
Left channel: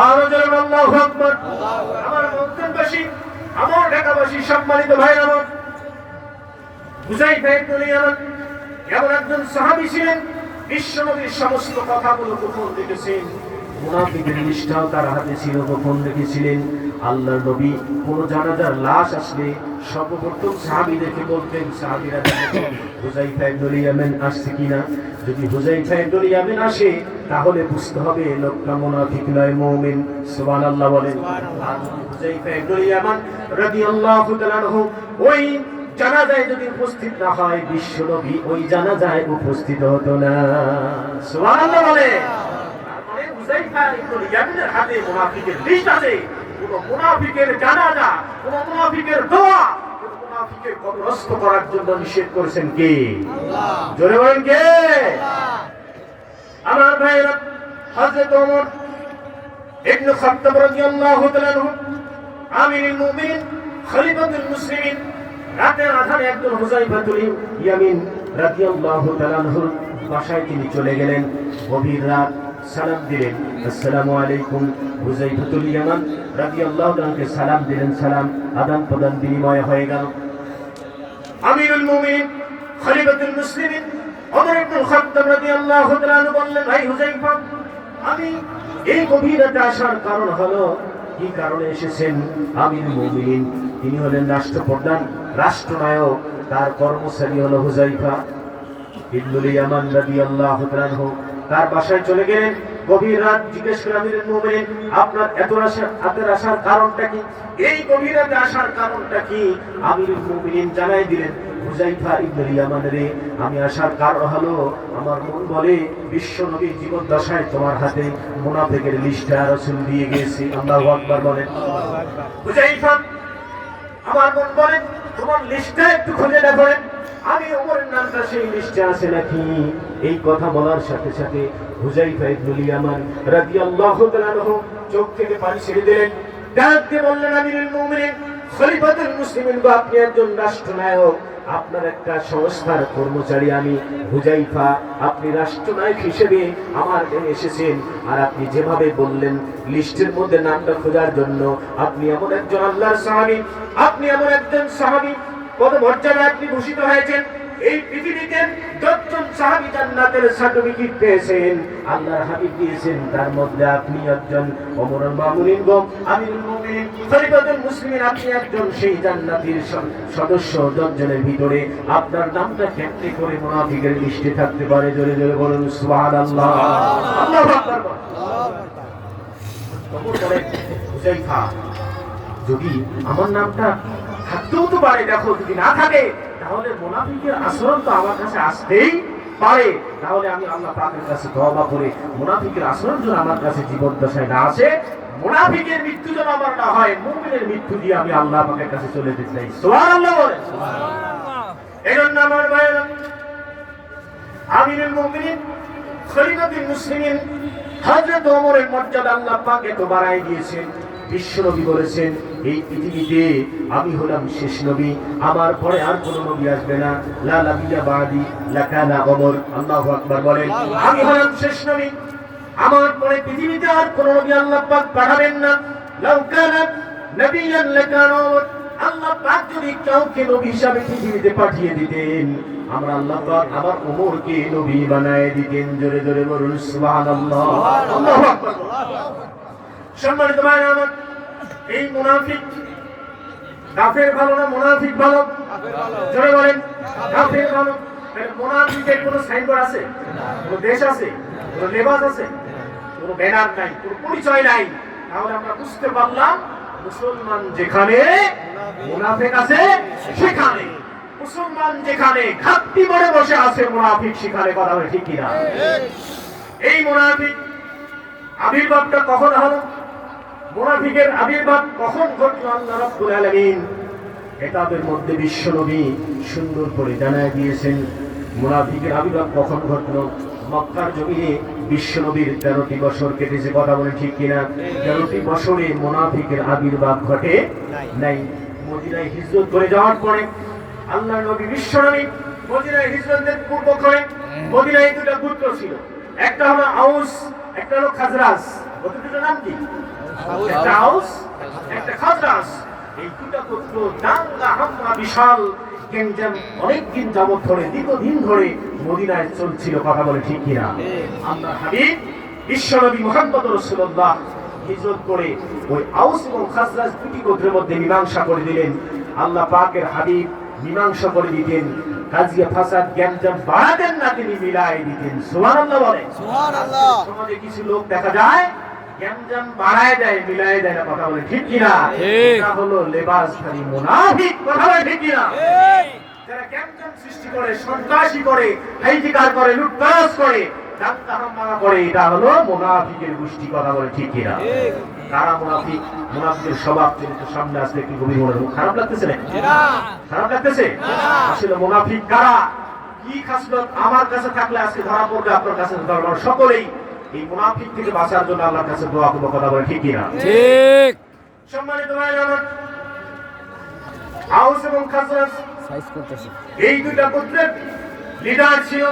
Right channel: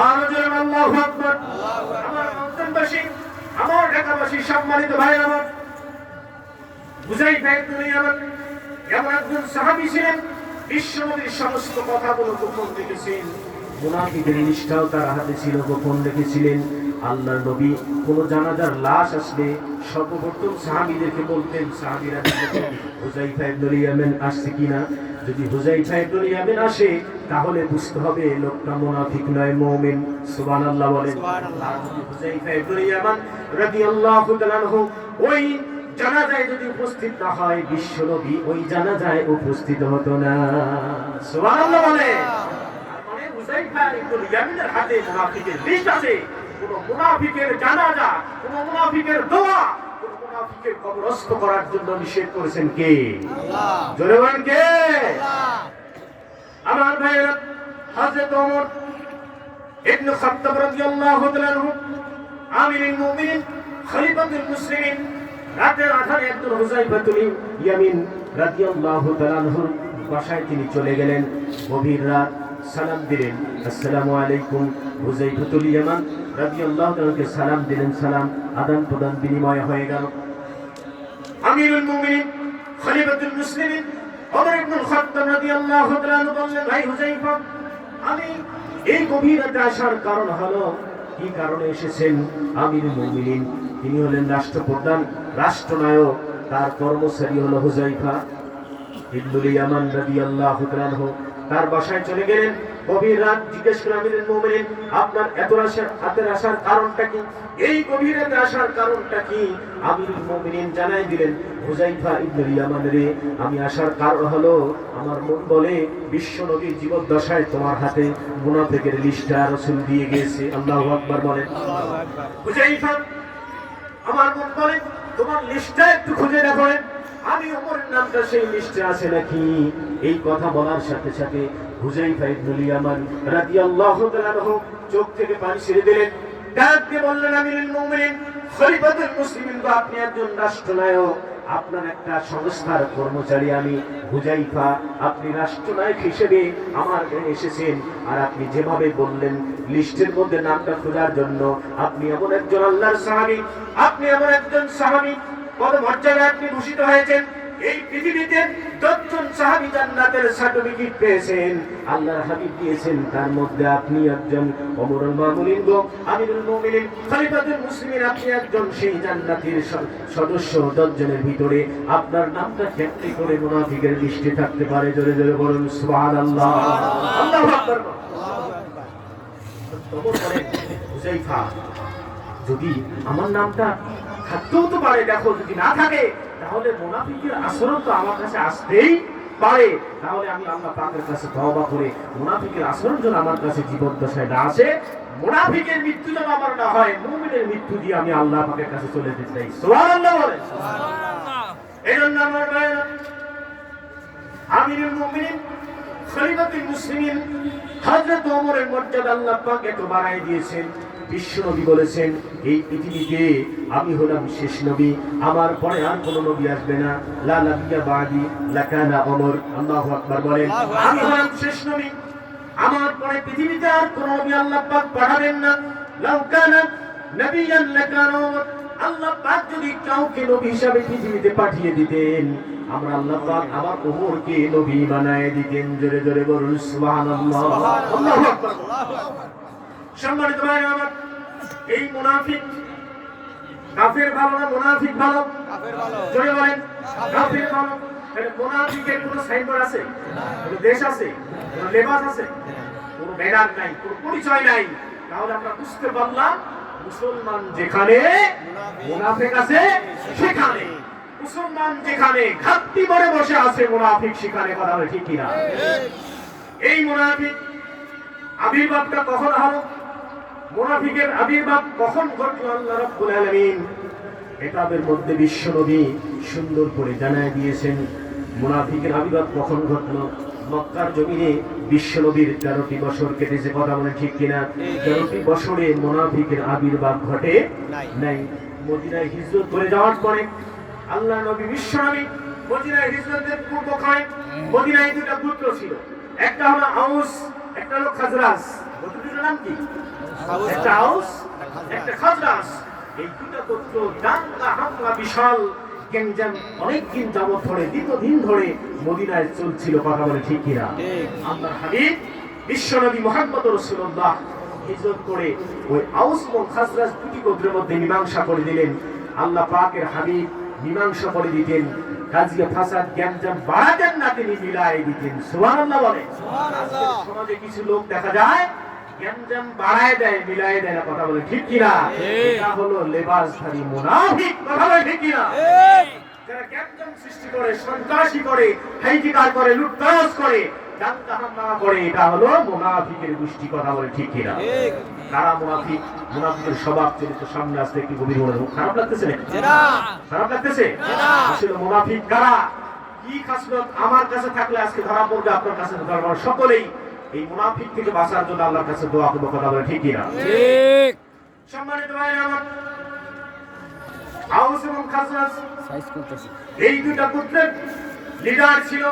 আর জোরে আল্লাহু আকবার। আমার মুসলিমবাসী, আমার ঢাকাবাসী, সম্মানিত ভাই আমার, হুযায়ফা ইবনুল ইয়ামান এমন একজন সাহাবী ছিলেন, বিশ্বনবীর সমস্ত কথাগুলো গোপন রেখেছেন। মুনাফিকের লিস্টটাও তার হাতে ছিল, গোপন রেখেছিলেন। আল্লাহর নবী কোন জানাজার লাশ আসলে সর্বপ্রথম সাহাবীদেরকে বলতেন, সাহাবীরা দেখেন হুযায়ফা ইবনুল ইয়ামান আসছে কিনা। যদি হুযায়ফা ইবনুল ইয়ামান আসে তাহলে বুঝতে হবে লোকটা মুনাফিক নয়, মুমিন। সুবহানাল্লাহ বলেন। আর যদি হুযায়ফা ইবনুল ইয়ামান রাদিয়াল্লাহু তাআলা আনহু ওই জানাজায় যদি উপস্থিত না হয়, বিশ্বনবী ওই জানাজায় উপস্থিত হতো না। সুবহানাল্লাহ বলে। তারপরে হুযায়ফা ইবনুল ইয়ামানের হাতে মুনাফিকের লিস্ট আছে। কোন মুনাফিকের জানাজা, কোন মুনাফিকের দোয়া, কোন মুনাফিকের কবরস্থ করার জন্য নিষেধ করেছেন কে? আল্লাহ। জোরে বলেন কে? আমার ভাইরা, হযরত ওমর ইবনে খাত্তাব রাদিয়াল্লাহু তাআলা আনহু আমিরুল মুমিনিন, খলিফাতুল মুসলিমিন, রাতের আধারে একজন হুযায়ফাতুল ইয়ামিন রাদিয়াল্লাহু তাআলা আনহুর বাসায় তিনি চলে গেলেন। গভীর রাত, সালাম দিলেন, আসসালামু আলাইকুম। হুযায়ফাতুল ইয়ামান রাদিয়াল্লাহু তাআলাকে সালাম দিলেন, সালাম আদান প্রদান বিনিময় হয়ে গেল। আমিরুল মুমিনিন, খলিফাতুল মুসলিমিন ওমর ইবনুল খাত্তাব রাদিয়াল্লাহু তাআলা আনহু বললেন, ভাই হুযায়ফা, আমি এই গভীর রাতে আসার কারণ হলো, কি কারণে এসেছেন? আমিরুল মুমিনিন তিনি হলেন রাষ্ট্রপ্রধান, রাষ্ট্রনায়ক, তার কর্মচারী হলো হুযায়ফা ইবনুল ইয়ামান রাদিয়াল্লাহু তাআলা আনহু। তার বাসায় চলে গেলেন। গভীর রাত জিজ্ঞেস করে আমিরুল মুমিনিন, আপনার এত আসার কারণটা কি? এই গভীর রাতে আসার কারণটা কি? আমিরুল মুমিনিন জানাই দিলেন, হুযায়ফা ইবনুল ইয়ামান রে, আমি আসার কারণ হলো আমার মন বলে বিশ্বনবী জীবদ্দশায় তোমার হাতে মুনাফিকের লিস্টটা রাসূল দিয়ে গেছে। আল্লাহু আকবার বলেন। হুযায়ফা, আমার মন বলে তোমার লিস্টটা একটু খুঁজে দেখেন, আমি ওমরের নামটা সেই লিস্টে আছে নাকি। এই কথা বলার সাথে সাথে হুযায়ফা ইবনুল ইয়ামান রাদিয়াল্লাহু তাআলা আনহু চোখ থেকে পানি ছেড়ে দিলেন, ডাক দিয়ে বললেন, আমিরুল মুমিনিন, খলিফাতুল মুসলিমিন, আপনি একজন রাষ্ট্রনায়ক, আপনার একটা সংস্থার কর্মচারী আমি হুযায়ফা, আপনি রাষ্ট্রনায়ক হিসেবে আমার কাছে এসেছেন, আর আপনি যেভাবে বললেন লিস্টের মধ্যে নামটা খোঁজার জন্য, আপনি এমন একজন আল্লাহর সাহাবী, আপনি এমন একজন সাহাবী, কত মর্যাদায় আপনি ভূষিত হয়েছেন। এই পৃথিবীতে 10 জন সাহাবী জান্নাতের সার্টিফিকেট পেয়েছেন, আল্লাহর হাবিব দিয়েছেন, তার মধ্যে আপনি একজন। ওমরুল মামুনিন গো, আমিরুল মুমিনিন, খলিফাতুল মুসলিমিন, আপনি একজন সেই জান্নাতের সদস্য। 10 জনের ভিতরে আপনার নামটা কেমনে করে মুনাফিকের লিস্টে থাকতে পারে? জোরে জোরে বলুন সুবহানাল্লাহ। আল্লাহু আকবার। ওমর বলেন, হুযায়ফা, যদি আমার নামটা থাকতেও তো পারে, দেখো যদি না থাকে তাহলে মুনাফিকের আচরণ তো আমার কাছে আসতেই পারে, তাহলে আমি আল্লাহ পাকের কাছে তওবা করে মুনাফিকের আচরণ যেন আমার কাছে জীবদ্দশায় না আসে, মুনাফিকের মৃত্যু যেন আমার না হয়, মুমিনের মৃত্যু দিয়ে আমি আল্লাহ পাকের কাছে চলে যেতে চাই। সুবহানাল্লাহ বলেন। সুবহানাল্লাহ। এজন্য আমার ভাইরা, আমিরুল মুমিনিন, খলিফাতুল মুসলিমিন হযরত ওমরের মর্যাদা আল্লাহ পাক এত বাড়ায় দিয়েছেন। বিশ্বনবী বলেছেন, এই পৃথিবীতে আমি হলাম শেষ নবী, আমার পরে আর কোন নবী আসবে না। লা নাবিয়্যা বাদি লাকানা ওমর। আল্লাহু আকবার বলেন। আমি হলাম শেষ নবী, আমার পরে পৃথিবীতে আর কোন নবী আল্লাহ পাক পাঠাবেন না। লাউ কানা নাবিয়্যান লাকানা ওমর। আল্লাহ পাক যদি কাউকে নবী হিসাবে পৃথিবীতে পাঠিয়ে দিতেন, আমরা আল্লাহ পাক আমার উমরকে নবী বানায় দিতেন। জোরে জোরে বলুন সুবহানাল্লাহ। আল্লাহু আকবার। সম্মানিত ভাই আমার, এই মুনাফিক কাফের ভালো না মুনাফিক ভালো? জোরে বলেন কাফের ভালো। মুনাফিকের কোনো সাইনবোর্ড আছে, কোনো দেশ আছে, কোনো লেবাস আছে, কোনো ব্যানার নাই, কোনো পরিচয় নাই। তাহলে আমরা বুঝতে পারলাম মুসলমান যেখানে মুনাফিক আছে সেখানে, মুসলমান যেখানে ঘাটতি করে বসে আছে মুনাফিক সেখানে। কথা বলে ঠিক কিনা? এই মুনাফিক আবির্ভাবটা কখন হলো? মুনাফিকের আবির্ভাব কখন ঘটলো? আল্লাহ রাব্বুল আলামিন কিতাবের মধ্যে বিশ্বনবী সুন্দর করে জানায় দিয়েছেন মুনাফিকের আবির্ভাব কখন ঘটলো। মক্কার জমিনে বিশ্বনবীর 13টি বছর কেটেছে। কথা বলে ঠিক কিনা? 13টি বছরে মুনাফিকের আবির্ভাব ঘটে নাই। মদিনায় হিজরত করে যাওয়ার পরে আল্লাহ নবী বিশ্বনবী মদিনায় হিজরতের পূর্বক্ষণে মদিনায় দুটো পুত্র ছিল, একটা হলো আউস, একটা হলো খাজরাজ। দুটোর নাম কি? একটা আউস, একটা খাজরাজ। এই দুটো পুত্র দাঙ্গা হামলা বিশাল গেঞ্জাম অনেকদিন যাবত ধরে, দীর্ঘদিন ধরে মদিনায় চলছিল। কথা বলে ঠিক কিনা? আল্লাহ হাবিব বিশ্বনবী মুহাম্মদ রাসূলুল্লাহ হিজরত করে ওই আউস এবং খাজরাজ দুটি গোত্রের মধ্যে মীমাংসা করে দিলেন। আল্লাহ পাকের হাবিব মীমাংসা করে দিতেন, কাজিয়া ফাসাদ গ্যাঞ্জাম বাড়াতেন না, তিনি মিলাই দিতেন। সুবহানাল্লাহ বলে। সুবহানাল্লাহ। সমাজে কিছু লোক দেখা যায় গ্যাঞ্জাম বাড়ায় দেয়, মিলাই দেয় না। কথা বলে ঠিক কিনা? এটা হলো লেবাসধারী মুনাফিক। কথা বলে ঠিক কিনা? যারা গ্যাঞ্জাম সৃষ্টি করে, সন্ত্রাসী করে, হাইজিকার করে, লুটপাট করে, দাত্তাহামা করে, এটা হলো মুনাফিকের গোষ্ঠী। কথা বলে ঠিক কিনা? কারা মুনাফিক? মুনাফিকের স্বভাব চরিত্র সামনে আসলে একটু গভীর মনে খারাপ লাগতেছে না? খারাপ লাগতেছে? আসলে মুনাফিক কারা, কি খাসলত আমার কাছে থাকলে আজকে ধরা পড়বে, আপনার কাছে ধরা। সকলেই এই মুনাফিক থেকে বাঁচার জন্য আল্লাহর কাছে দোয়া করব। কথা বলে ঠিক কিনা? ঠিক। সম্মানিত ভাই আমার, আউস এবং খাজরাজ এই দুইটা গোত্রের লিডার ছিল।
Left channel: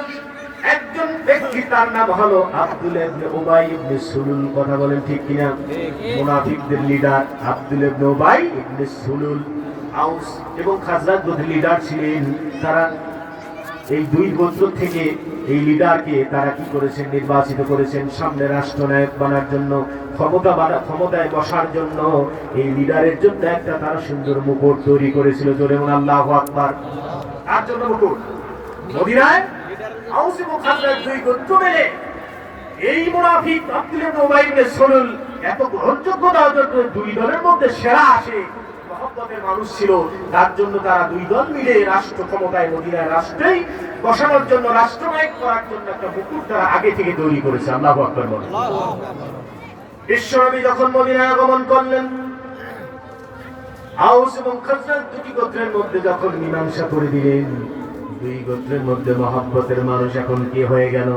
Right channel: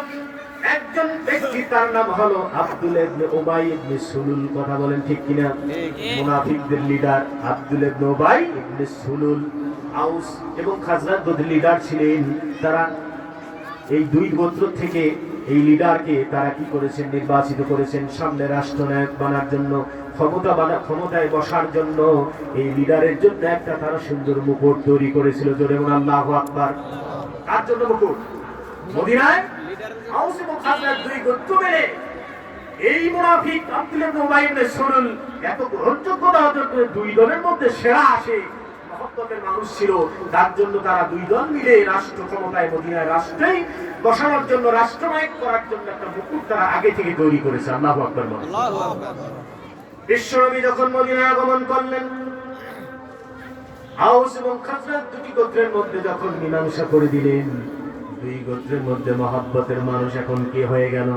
একজন ব্যক্তি, তার নাম হলো আব্দুল্লাহ ইবনে উবাই ইবনে সুলুল। কথা বলেন ঠিক কিনা? মুনাফিকদের লিডার আব্দুল্লাহ ইবনে উবাই ইবনে সুলুল। আউস এবং খাজরাজ গোত্রের লিডার ছিলেন। তারা এই দুই গোত্র থেকে এই লিডারকে তারা কি করেছেন? নির্বাচিত করেছেন সামনে রাষ্ট্রনায়ক বানার জন্য, ক্ষমতায় বসার জন্য। এই লিডারের জন্য একটা তারা সুন্দর মুকুট তৈরি করেছিল। জোরে বলুন আল্লাহু আকবার। তার জন্য মুকুট মদিনায় আউস এবং খাজরাজ দুই গোত্র মিলে এই মুনাফিক আব্দুল্লাহ ইবনে উবাই ইবনে সুলুল এত গ্রহণযোগ্যতা অর্জন করে দুই দলের মধ্যে সেরা আসে, মহব্বতের মানুষ ছিল। তার জন্য তারা দুই দল মিলে রাষ্ট্র ক্ষমতায় মদিনায় রাষ্ট্রেই বসানোর জন্য, রাষ্ট্রনায়ক করার জন্য একটা মুকুট তারা আগে থেকে তৈরি করেছে। আল্লাহু আকবার বলেন। বিশ্বনবী যখন মদিনায় আগমন করলেন, আউস এবং খাজরাজ দুটি গোত্রের মধ্যে যখন মীমাংসা করে দিলেন, দুই গোত্রের মধ্যে মহব্বতের মানুষ এখন কে হয়ে গেল?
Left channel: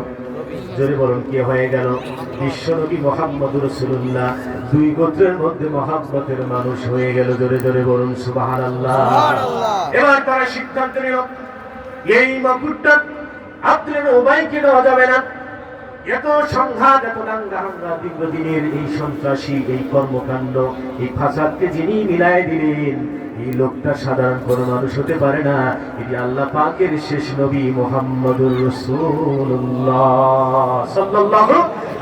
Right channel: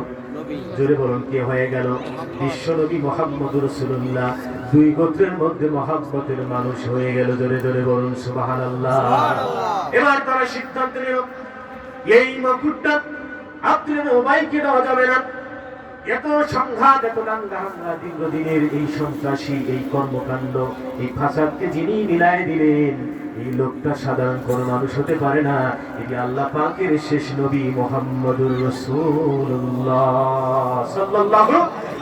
জোরে বলুন কে হয়ে গেল? বিশ্বনবী মুহাম্মদ রাসূলুল্লাহ দুই গোত্রের মধ্যে মহব্বতের মানুষ হয়ে গেল। জোরে জোরে বলুন সুবহানাল্লাহ। এবার তারা সিদ্ধান্ত নিল এই মুকুটটা আব্দুল্লাহ ইবনে উবাইকে দেওয়া যাবে না। এত সংঘাত, এত দাঙ্গা দীর্ঘদিনের এই সন্ত্রাসী এই কর্মকাণ্ড, এই ফাসাদকে যিনি মিলাই দিলেন, এই লোকটা সাধারণ কোনো মানুষ হতে পারে না। এটি আল্লাহ পাকের শেষ নবী মুহাম্মদুর রাসূলুল্লাহ সাল্লাল্লাহু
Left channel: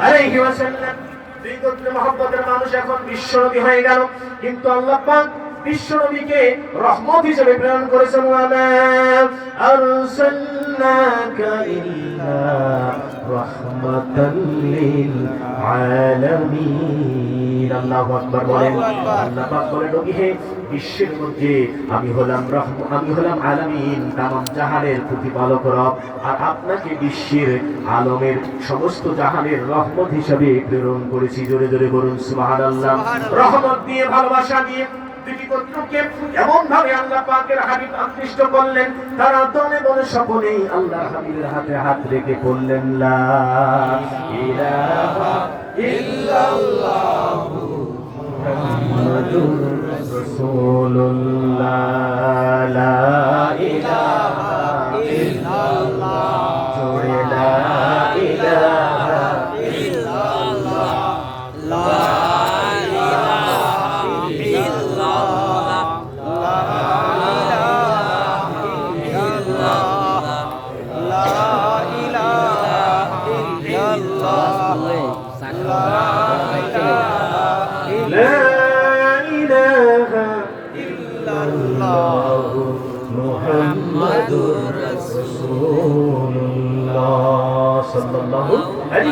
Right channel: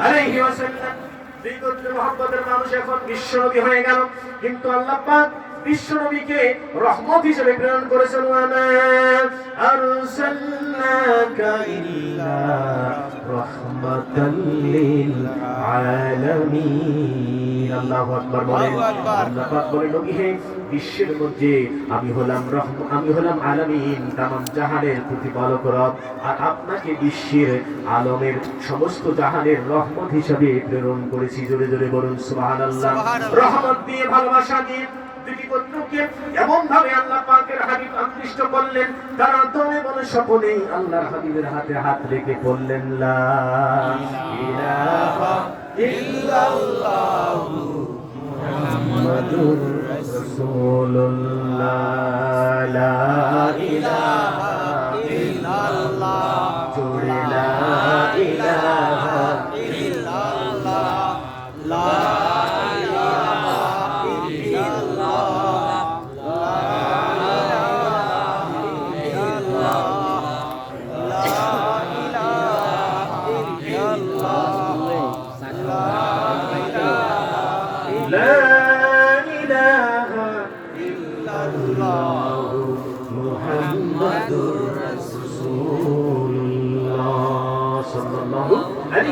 আলাইহি ওয়াসাল্লাম। দুই গোত্রের মহব্বতের মানুষ এখন বিশ্বনবী হয়ে গেল, কিন্তু আল্লাহ পাক বিশ্বনবীকে রহমত হিসেবে প্রেরণ করেছেন। ওয়ামা আরসালনাকা ইল্লা রাহমাতাল লিল আলামিন। আল্লাহু আকবার বলেন। আল্লাহ পাক বলেন, নবী হে, বিশ্বের মধ্যে আমি হলাম আলামিন, তামাম জাহানের প্রতিপালক রব, আর আপনাকে বিশ্বের আলমের সমস্ত জাহানের রহমত হিসেবে প্রেরণ করেছি। জোরে জোরে বলুন সুবহানাল্লাহ। রহমত দিয়ে, ভালোবাসা দিয়ে দুটি গোত্রকে এমন ভাবে আল্লাহ পাকের হাবিব আকৃষ্ট করলেন, তারা দলে বলে সকলেই আল্লাহর হাবিবের হাতে হাত রেখে বললেন লা ইলাহা ইল্লাল্লাহু মুহাম্মাদুর রাসূলুল্লাহ। লা ইলাহা ইল্লাল্লাহ। জোরে লা ইলাহা ইল্লাল্লাহ। লা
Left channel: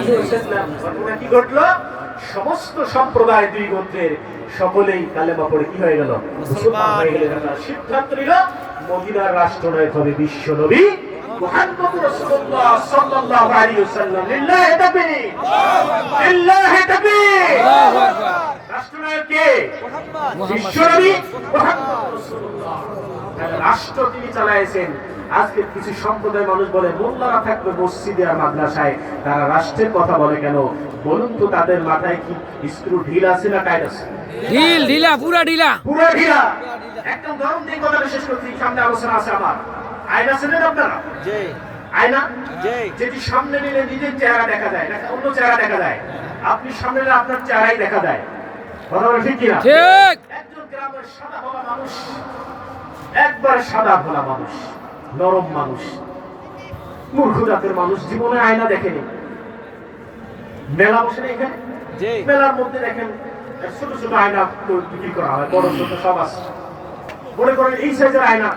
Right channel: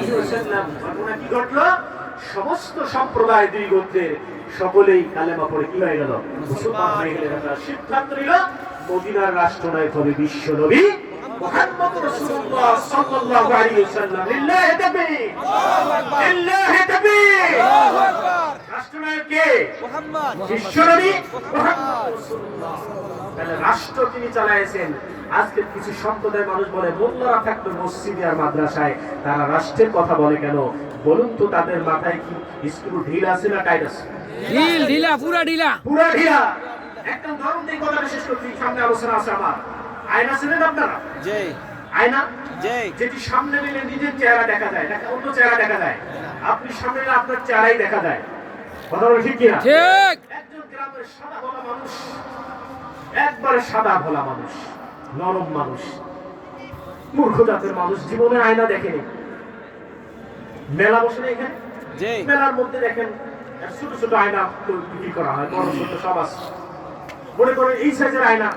আলাইহি ওয়াসাল্লাম। ঘটনা কি ঘটলো? সমস্ত সম্প্রদায় দুই গোত্রের সকলেই কালেমা পড়ে কি হয়ে গেল? মুসলমান হয়ে গেলেন। তারা সিদ্ধান্ত নিল মদিনার রাষ্ট্রনায়ক হবে বিশ্ব নবী মুহাম্মদ রাসূলুল্লাহ সাল্লাল্লাহু আলাইহি ওয়াসাল্লাম। লিল্লাহি তাকবীর, লিল্লাহি তাকবীর। আল্লাহু আকবার। রাষ্ট্রনায়ক কে? বিশ্ব নবী মুহাম্মদ রাসূলুল্লাহ। রাষ্ট্র তিনি চালায়েছেন। আজকে কিছু সম্প্রদায় মানুষ বলে মোল্লারা থাকতো মসজিদে আর মাদ্রাসায়, তারা রাষ্ট্রের কথা বলে কেন? বলুন তো তাদের মাথায় কি স্ক্রু ঢিল আছে না টাইট আছে? ঢিলা, পুরা ঢিলা, পুরা ঢিলা। একদম গরম দিন কথা বিশেষ করছি, সামনে আলোচনা আছে আমার। আয়না ছিলেন আপনারা? জি। আয়না যেটি সামনে নিলে নিজের চেহারা দেখা যায় না, অন্য চেহারা দেখা যায়। আপনি সামনে নিলে আপনার চেহারাই দেখা যায়। কথা বলে ঠিক কিনা? ঠিক। একজন গ্রামের সাদা ভোলা মানুষ, একবারে সাদা ভোলা মানুষ, নরম মানুষ, মূর্খ জাতের মানুষ, জীবনে আয়না দেখেনি। মেলা বসে নেই এখানে? মেলার মধ্যে দেখেন ছোট ছোট আয়না তো বিক্রি করা হয়, বড় ছোট সব আছে। মনে করেন এই সাইজের আয়না,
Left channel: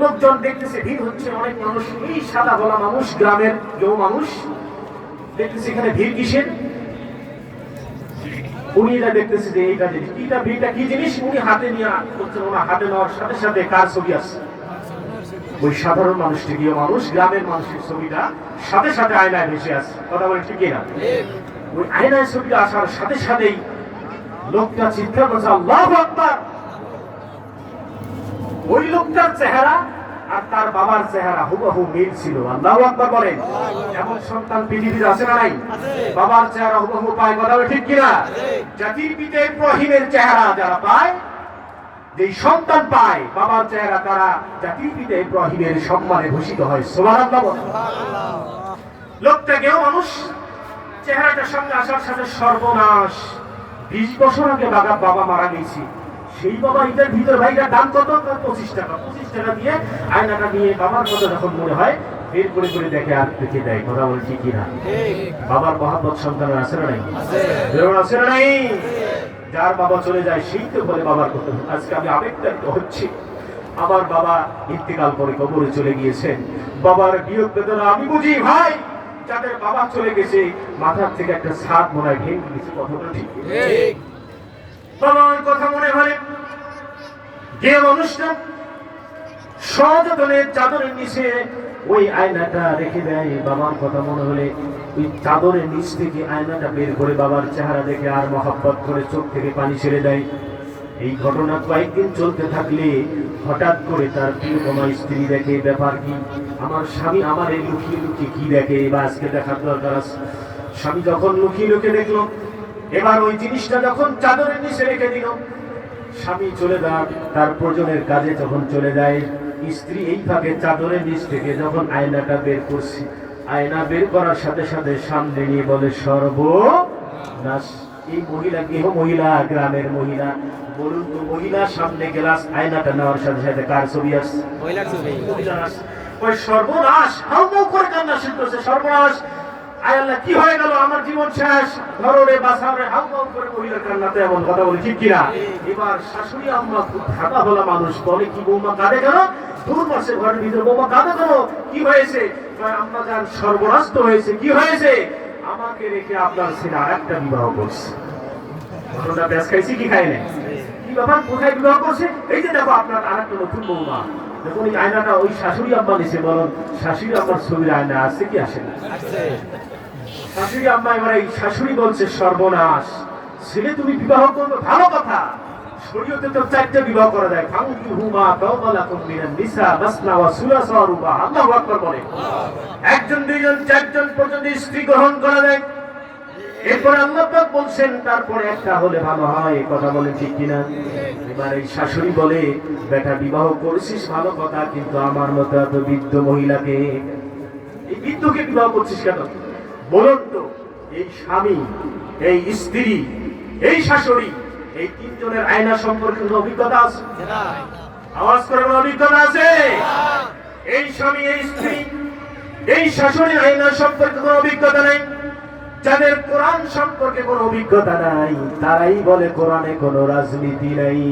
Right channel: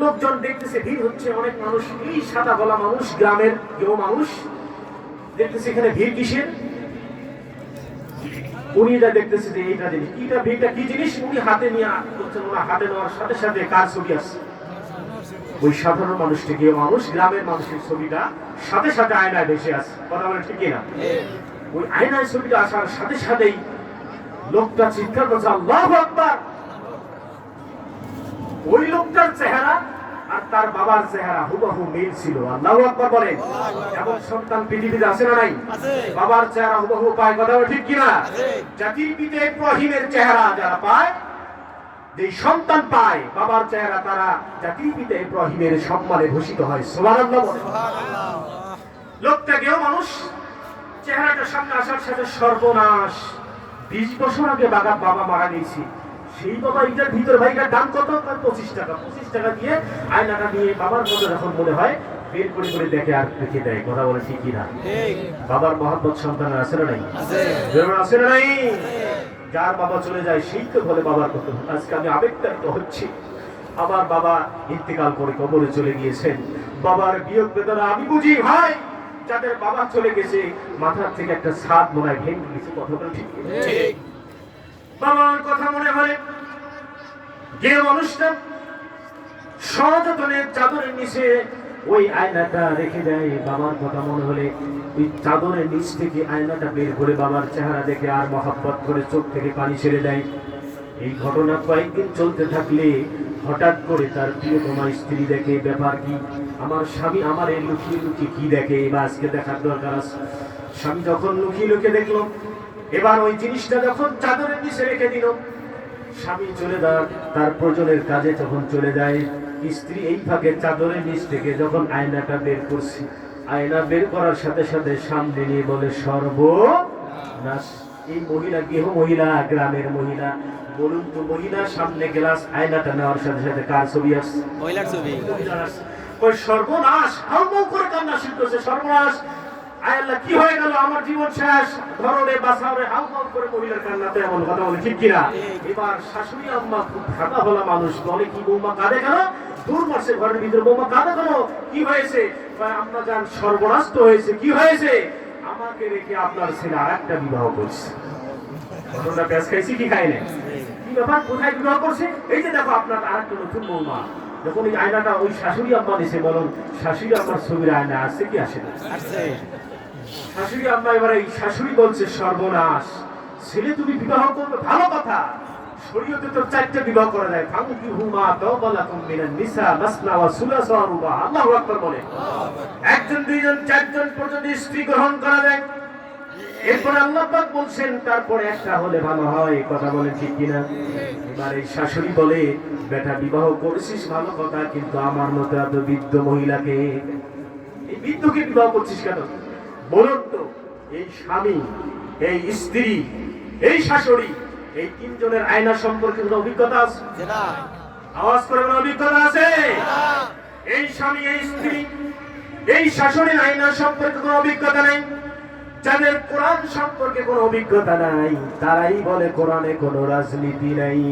লোকজন দেখতেছে, ভিড় হচ্ছে, অনেক মানুষ। এই সাদা গলা মানুষ, গ্রামের কেউ মানুষ দেখতেছে এখানে ভিড় কিসের? উনি এটা দেখতেছে যে এইটা জিনিস কিটা, ভিড়টা কি জিনিস উনি হাতে নিয়ে করছেন। ওনার হাতে নেওয়ার সাথে সাথে কার ছবি আসছে? ওই সাধারণ মানুষটি, কেউ মানুষ, গ্রামের মানুষের ছবিটা সাথে সাথে আয়নায় ভেসে আসছে। কথা বলে ঠিক কিনা? ওই আয়নায় ছবিটা আসার সাথে সাথেই লোকটা চিৎকার করছে আল্লাহু আকবার। ওই লোকটার চেহারা আর তার বাবার চেহারা হুবহু মিল ছিল। আল্লাহু আকবার বলেন। এমন সন্তান পৃথিবীতে আছে না নাই? বাবার চেহারা হুবহু পায়। কথা বলে ঠিক কিনা? জাতির পিতা ইব্রাহিমের চেহারা যারা পায়, যেই সন্তান পায় বাবার চেহারা, তারা জাতির পিতা ইব্রাহিমের সম্মানে ভূষিত হয়। সুবহানাল্লাহ। লোকটা কেউ মানুষ, চেহারাটা সামনে আসার সাথে সর্বনাশ। 20 বছর আগে বাবা মারা গেছে, সেই বাবা এটার ভিতরে ভাইটার দাম কত? 25 টাকা। 25 টাকা দিয়ে আয়নাটা নিয়ে বাবার মতো যখন মনে হয় বের করে করে দেখে আর দেখে দেয়। কথা বলে ঠিক কিনা? বাবার মহব্বত সন্তান আছে না নাই? আছে না নাই? যার বাবা চলে যায় সেই তো বলে বাবার কথা। আজকে আমি আবেগতাড়িত হচ্ছি। আমার বাবা ইন্তেকাল করে কবরে চলে গিয়েছেন। বাবার বিয়োগ বেদনা আমি বুঝি ভাই। যাদের বাবা চলে গেছে মাথার থেকে একটা ছাদ মনে হয় ভেঙে গেছে। কথা ঠিক। বাবার কথা মনে হয় যে মানুষটা সযত্নে চাদরের নিচে ওই আয়নাটা রেখে দেয়, বাবার কথা মনে হলে ওই চাদরের নিচ থেকে আয়নাটা বের করে বাবার চেহারা দেখে আর মহব্বত করে চোখ থেকে পানি ছেড়ে দেয়। এই ঘটনা কয়েকদিন চলতে থাকলে হঠাৎ করে তার প্রিয়তমা স্ত্রী দেখে, ব্যাপার কি? আমার স্বামী আমার এই লুকিয়ে লুকিয়ে কি দেখে, এবার আজকে দেখার দরকার আছে। স্বামী যখন লুকিয়ে লুকিয়ে দেখলো, এবার ওই জিনিসটা যখন চাদরের নিচে রেখে দিল, স্বামী চলে যাওয়ার তার প্রয়োজনের কাজে যখন চলে যায়, স্ত্রী এই ফাঁকে চাদরের নিচ থেকে যখন আয়নাটা বের করছে, আয়না বের করার সাথে সাথে সামনে নিয়ে বলে সর্বনাশ। এই মহিলা গৃহ মহিলা, গ্রামের মহিলা। বলুন তো মহিলা সামনে গ্লাস আয়নাটা নেওয়ার সাথে সাথে কার ছবি আসছে? মহিলার ছবি। ওই সর্বনাশ হাউমাউ করে কান্না শুরু করছে। সর্বনাশ, আয় আল্লাহ কি হয়ে গেল, আমার জীবন শেষ, ধরনে বাঁচাবে। হাউমাউ করে মহিলার কান্নাতে এমন কথা বলে ঠিক কিনা? এবার শাশুড়ি আম্মা খুব ভাবা বলা মানুষ বলে, কি বৌমা কাঁদে কেন? 2 মাসের ঘরের ভিতরে বৌমা কাঁদে কেন? কি হয়েছে? আম্মা জান সর্বনাশ তো হয়েছে। কি হয়েছে? আমাকে রেখে আপনার ছেলে আরেকটা বিবাহ করছে। ঘটনা ব্যাস খাইছি কি খাই নাই? কি ব্যাপার, কোথায় বিবাহ করছে? এই যে দেখো আপনার আরেকটা নতুন বৌমা। যখন এই আয়নাটা ওই শাশুড়ি আম্মা দিছে, বলুন শাশুড়ি আম্মার ছবির আয়না আছে কি আসে না? শাশুড়ি আম্মা এবার এই শাশুড়ি বলছে সর্বনাশ, ছেলে তুমি বিবাহ করবে ভালো কথা, শরীয়তে তো 4টা বিবাহ করা যায়। ফাঙ্কিহুমা তাওবালাকুম মিনান নিসা মাসনা ওয়া সুলাসা ওয়া রুবা। আল্লাহু আকবার বলে। 1 জন 2 জন 4 জন পর্যন্ত স্ত্রী গ্রহণ করা যায়। এরপর আল্লাহ পাক বলছেন তারপরে একটা হলে ভালো হয়। কথা বলেন ঠিক কিনা? এবার এই শাশুড়ি বলে, বেটা বিবাহ করেছিস ভালো কথা, কিন্তু আমার মতো এত বৃদ্ধ মহিলাকে, এই বৃদ্ধকে বিবাহ করছিস কেন? বলুন তো এই স্বামী, এই স্ত্রী, এই শাশুড়ি, এই 3 জনের আয়না সম্পর্কে কোনো অভিজ্ঞতা আছে? আওয়াজ করে কোনো অভিজ্ঞতা আছে? এই স্বামী, এই স্ত্রী, এই শাশুড়ির আয়না সম্পর্কে কোনো অভিজ্ঞতা নেই। যাদের কোরআন সম্পর্কে কোনো অভিজ্ঞতা নাই তারাই বলে কোরআনে কোনো রাজনীতি নেই।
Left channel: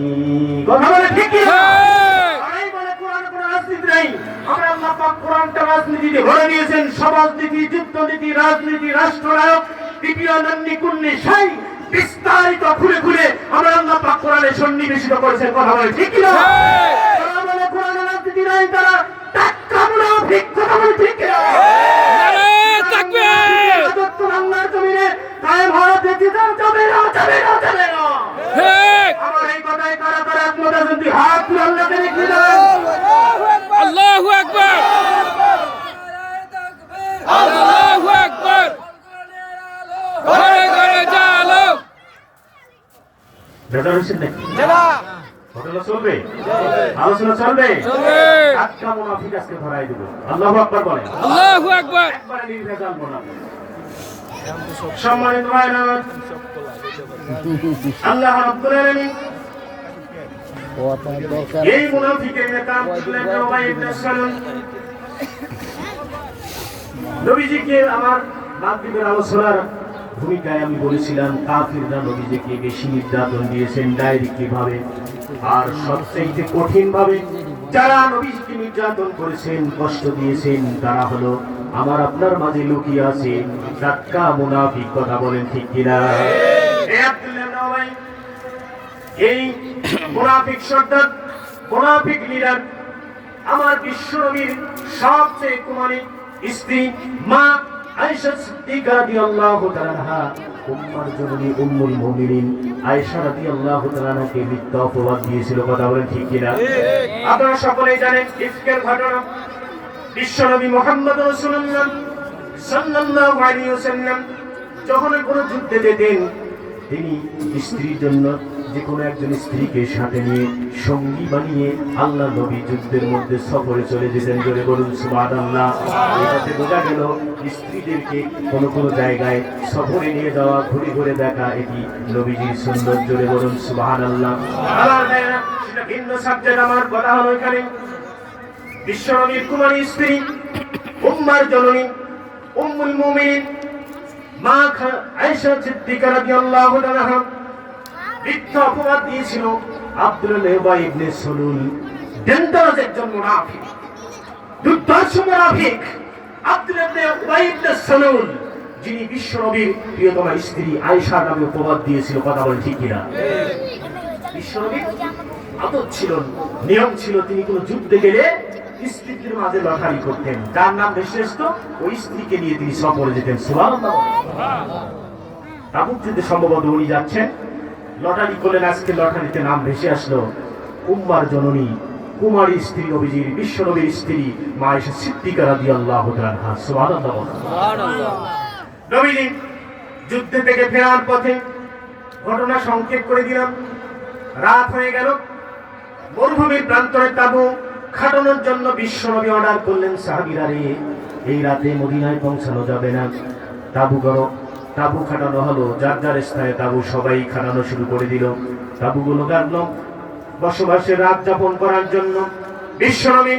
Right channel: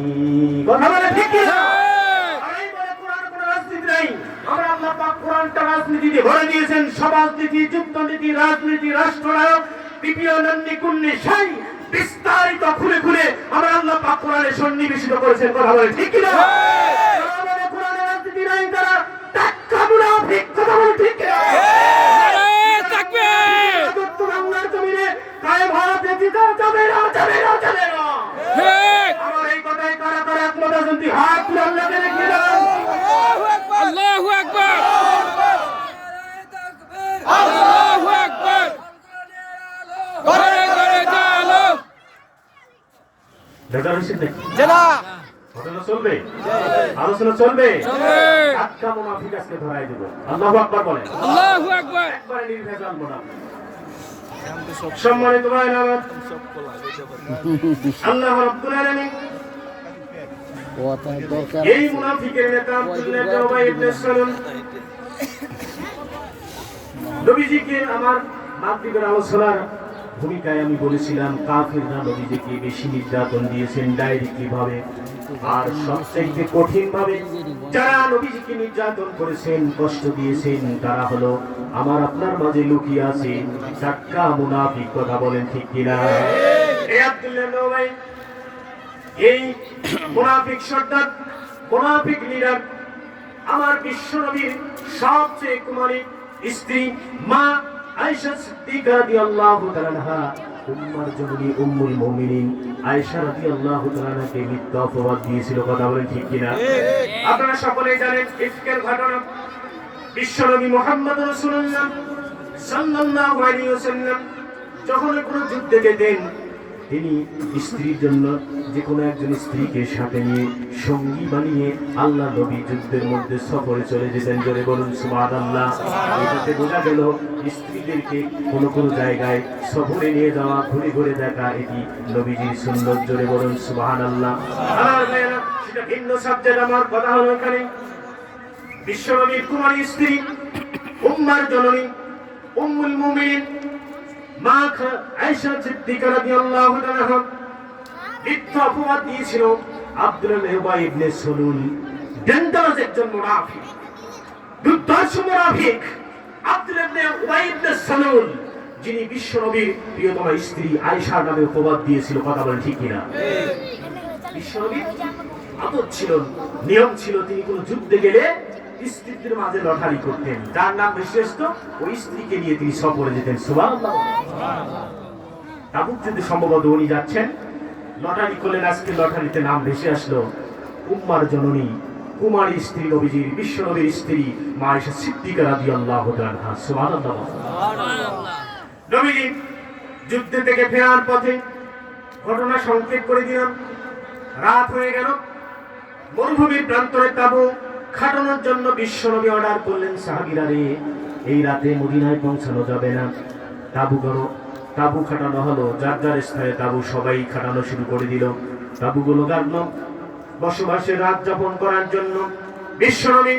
কথা বলে ঠিক কি? তারাই বলে কোরআনে কোনো রাজনীতি নেই। আমরা আল্লাহ পাক কোরআনটা রাজনীতিতে ভরে দিয়েছেন, সমাজনীতি, যুদ্ধনীতি, রাজনীতি, রাষ্ট্রনায়ক, তৃতীয় নন্নি কুন্নি সাই বিস্তারিত খুলে খুলে আমরা আল্লাহ পাক কোরআনে সন্নিবেশিত করেছেন। কথা বলে ঠিক কিনা? তারা বলে কোরআনে রাজনীতি নাই, তারা টাক্কা মুনাফিক। কথা বলে ঠিক কিনা? নারায়ে তাকবীর! রাজত্ব বাংলার জমিনে কায়েম হওয়া যেতে যাবে না, যাবে না, যাবে না। ঠিক! আমার এই কথায় কারা কারা একমত আছেন? তুই হাত তুলে আল্লাহকে দেখবি না। আল্লাহু আকবার! আল্লাহু আকবার! ঘরে ঘরে জালো! বেজার হয়েছেন নাকি? জেলা! ঘটনা চলবে, আলোচনা চলবে। চলবে! টাক্কা মুনাফিক আজকে ধরাই দেব। আল্লাহু আকবার বলেন। আল্লাহু আকবার! একবারে নির্ভেজাল মুনাফিক। সম্মানিত ভাইরা আমার, আল্লাহ রাব্বুল আলামিন এই মুনাফিকের নেতা আব্দুল্লাহ ইবনে উবাই ইবনে সালুল নবীজিকে আমার মাগরিবের আলোচনার ভূমিকায় আমি বলেছিলাম কাফিররা নবীজিকে বেশি নির্যাতন দিয়েছেন ডাইরেক্টলি ভাবে, আর সবচেয়ে কঠিন ভাবে যারা নবীজিকে নির্যাতন করেছেন, কষ্ট দিয়েছেন, তারা হলো আমার আপনার মাঝে লুকিয়ে আছে টাক্কা মুনাফিক। কথা বলেন ঠিক কিনা? এই আব্দুল্লাহ ইবনে উবাই, এই মুনাফিক সর্দার, মুনাফিক লিডার, আমার বিশ্বনবীর সবচেয়ে কুমারী স্ত্রী মা আয়েশা সিদ্দিকা রাদিয়াল্লাহু তাআলা আনহা, উম্মার জননী উম্মুল মুমিনিন আয়েশা রাদিয়াল্লাহু তাআলা আনহাকে মিথ্যা অপবাদ দিয়েছিল। কথা বলেন ঠিক কিনা? আপনারা সকলেই জানেন ইফকের ঘটনা। বিশ্বনবী মুহাম্মদ রাসূলুল্লাহ সাল্লাল্লাহু আলাইহি ওয়াসাল্লাম যখন কোনো যুদ্ধে যেতেন, তিনি স্ত্রীর জন্য যে কোনো একজন স্ত্রীকে সাথে নিয়ে সঙ্গী বানিয়ে আল্লাহ নবী যুদ্ধের মধ্যে সফরে চলে যেতেন। জোরে বলুন সুবহানাল্লাহ। এটাতে বোঝা গেল স্ত্রীদেরকে কোনো কোনো জায়গায় সফরে নিয়ে যাওয়া, ঘুরে ঘুরে দেখা, এটি নবীজির সুন্নাত। জোরে বলুন সুবহানাল্লাহ। সেটা ভিন্ন সাবজেক্ট। আমার কথা হলো এখানে বিশ্বনবীর কুমারী স্ত্রী উম্মার জননী উম্মুল মুমিনিন মা আয়েশা সিদ্দিকা রাদিয়াল্লাহু তাআলা আনহা মিথ্যা অপবাদ দিয়েছিল আব্দুল্লাহ ইবনে উবাই ইবনে সালুল, ডেঞ্জারাস একজন মুনাফিক, দুর্ধর্ষ মুনাফিক আব্দুল্লাহ ইবনে উবাই ইবনে সালুল, যিনি বিশ্বনবীর প্রিয়তমা স্ত্রী আয়েশার নামে অপবাদ দিয়েছিল। কথা বলে ঠিক কিনা? বিশ্বনবীর আদত ছিল, নিয়ম ছিল, তিনি কোনো যুদ্ধে গেলে স্ত্রীদের মাঝে লটারি করতেন, যার নাম বেশি আসতো ওই স্ত্রীকে নিয়ে তিনি সফরে যেতেন। সুবহানাল্লাহ। তাবুক যুদ্ধে সম্ভবত উনি যাচ্ছেন, লটারি করলেন, আজকে লটারিতে নাম ভেসে আসলো উম্মার জননী কুমারী স্ত্রী নবীজির বিশ্বনবীর স্ত্রী মা আয়েশা সিদ্দিকা রাদিয়াল্লাহু তাআলা আনহা। সুবহানাল্লাহ। নবীজি যুদ্ধ থেকে ফেরার পথে, ঘটনা সংক্ষেপ করে দিলাম, রাত হয়ে গেল, মরুভূমির প্রান্তরে তাবু খাটানোর জন্য বিশ্বনবী অর্ডার করলেন, সাহাবীরা রে এই রাতে মদিনায় পৌঁছানো যাবে না, তাবু করো। তাবু খাটানো হলো, যার যার স্থানে তাবু সবাই খাটানো শুরু করে দিল। তাবুগুলো গাড়লো বসবাসের রাত যাপন করার জন্য। বিশ্বনবী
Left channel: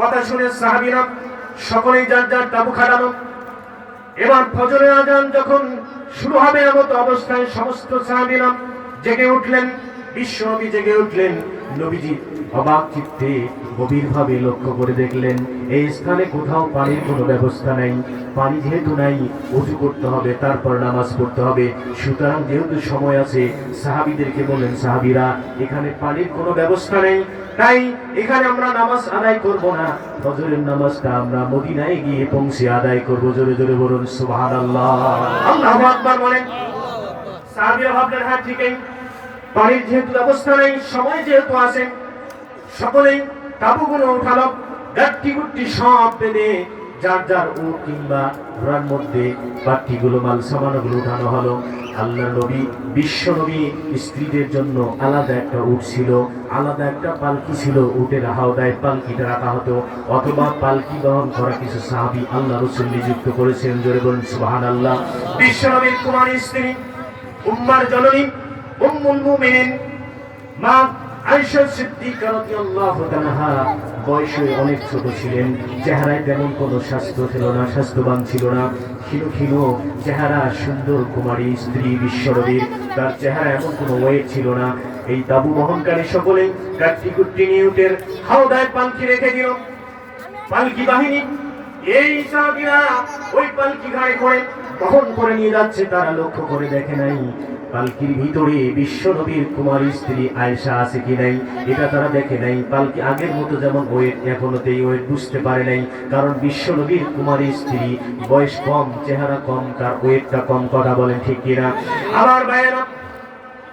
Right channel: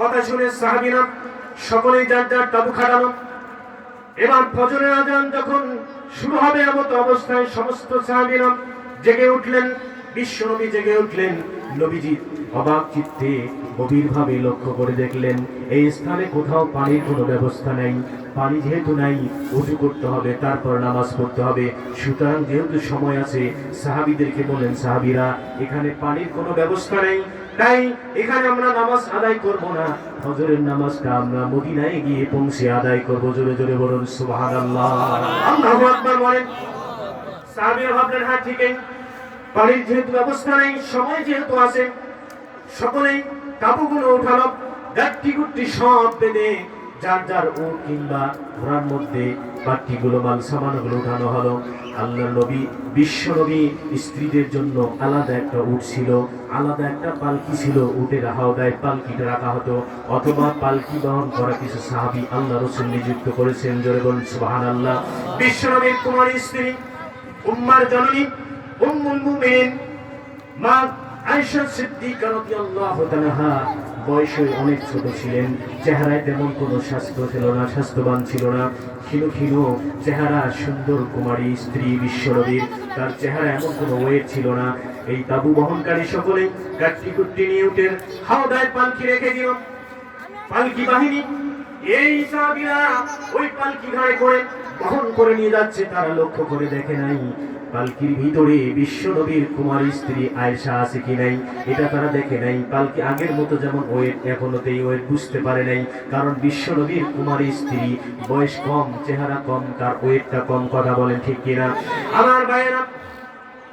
কথা শুনে সাহাবীরা সকলেই যার যার তাবু খাটানো। এবার ফজরের আযান যখন শুরু হবে এমত অবস্থায় সমস্ত সাহাবীরা জেগে উঠলেন, বিশ্বনবী জেগে উঠলেন। নবীজি অবাক চিত্তে গভীরভাবে লক্ষ্য করে দেখলেন এই স্থানে কোথাও পানির কোনো ব্যবস্থা নাই। পানি যেহেতু নাই, ওযু করতে হবে, তারপর নামাজ পড়তে হবে। সুতরাং যেহেতু সময় আছে, সাহাবীদেরকে বললেন, সাহাবীরা এখানে পানির কোনো ব্যবস্থা নেই, তাই এখানে আমরা নামাজ আদায় করব না, ফজরের নামাজটা আমরা মদিনায় গিয়ে পৌঁছে আদায় করব। জোরে জোরে বলুন সুবহানাল্লাহ। আল্লাহু আকবার বলেন। সাহাবীরা ভাবলেন, হ্যাঁ ঠিকই, পানির যেহেতু ব্যবস্থা নেই, সময় যেহেতু আছে, সকলেই তাবুগুলো উঠালো, গাঠি গুট্টি সব বেঁধে যার যার উট কিংবা ঘোড়ার মধ্যে বাট্টিগুলো, মাল সামানগুলো উঠানো হলো। আল্লাহ নবী বিশ্বনবী স্ত্রীদের জন্য আলাদা একটা উট ছিল, আলাদা একটা পালকি ছিল, উটের হাওদায় পালকিটা রাখা হতো, অথবা পালকি বহন করা কিছু সাহাবী আল্লাহ রাসূল নিযুক্ত করেছেন। জোরে বলুন সুবহানাল্লাহ। বিশ্বনবীর কুমারী স্ত্রী উম্মার জননী উম্মুল মুমিনিন মা আয়েশা সিদ্দিকা রাদিয়াল্লাহু তাআলা আনহা বয়সে অনেক ছোট ছিলেন, চেহারায় তেমন কোনো স্বাস্থ্য ছিল না, স্বাস্থ্যবান ছিল না, ক্ষীণ ক্ষীণ চেহারা, সুন্দর কুমারী স্ত্রী বিশ্বনবীর, তার চেহারা এমন কোনো ওয়েট ছিল না। এই তাবু বহনকারী সকলেই কাঠি কুট্টি নিয়ে উটের হাওদায় পালকি রেখে দিও। পালকি বাহিনী এই সাহাবীরা ওই পালকি ঘাড়ে করে বহন করে নিয়ে যাচ্ছে, তারা লক্ষ্য করে দেখে নাই পালকির ভিতরে বিশ্বনবীর কুমারী স্ত্রী আয়েশা আছে কি নাই, এটা তারা দেখে নাই। পালকি আগের মতো যেমন ওয়েট, এখনো এই ওয়েট বুঝতে পারে নাই, কারণ বিশ্বনবীর কুমারী স্ত্রী, বয়স কম, চেহারা কম, তার ওয়েটটা কম। কথা বলেন ঠিক কিনা? আমার ভাইয়েরা,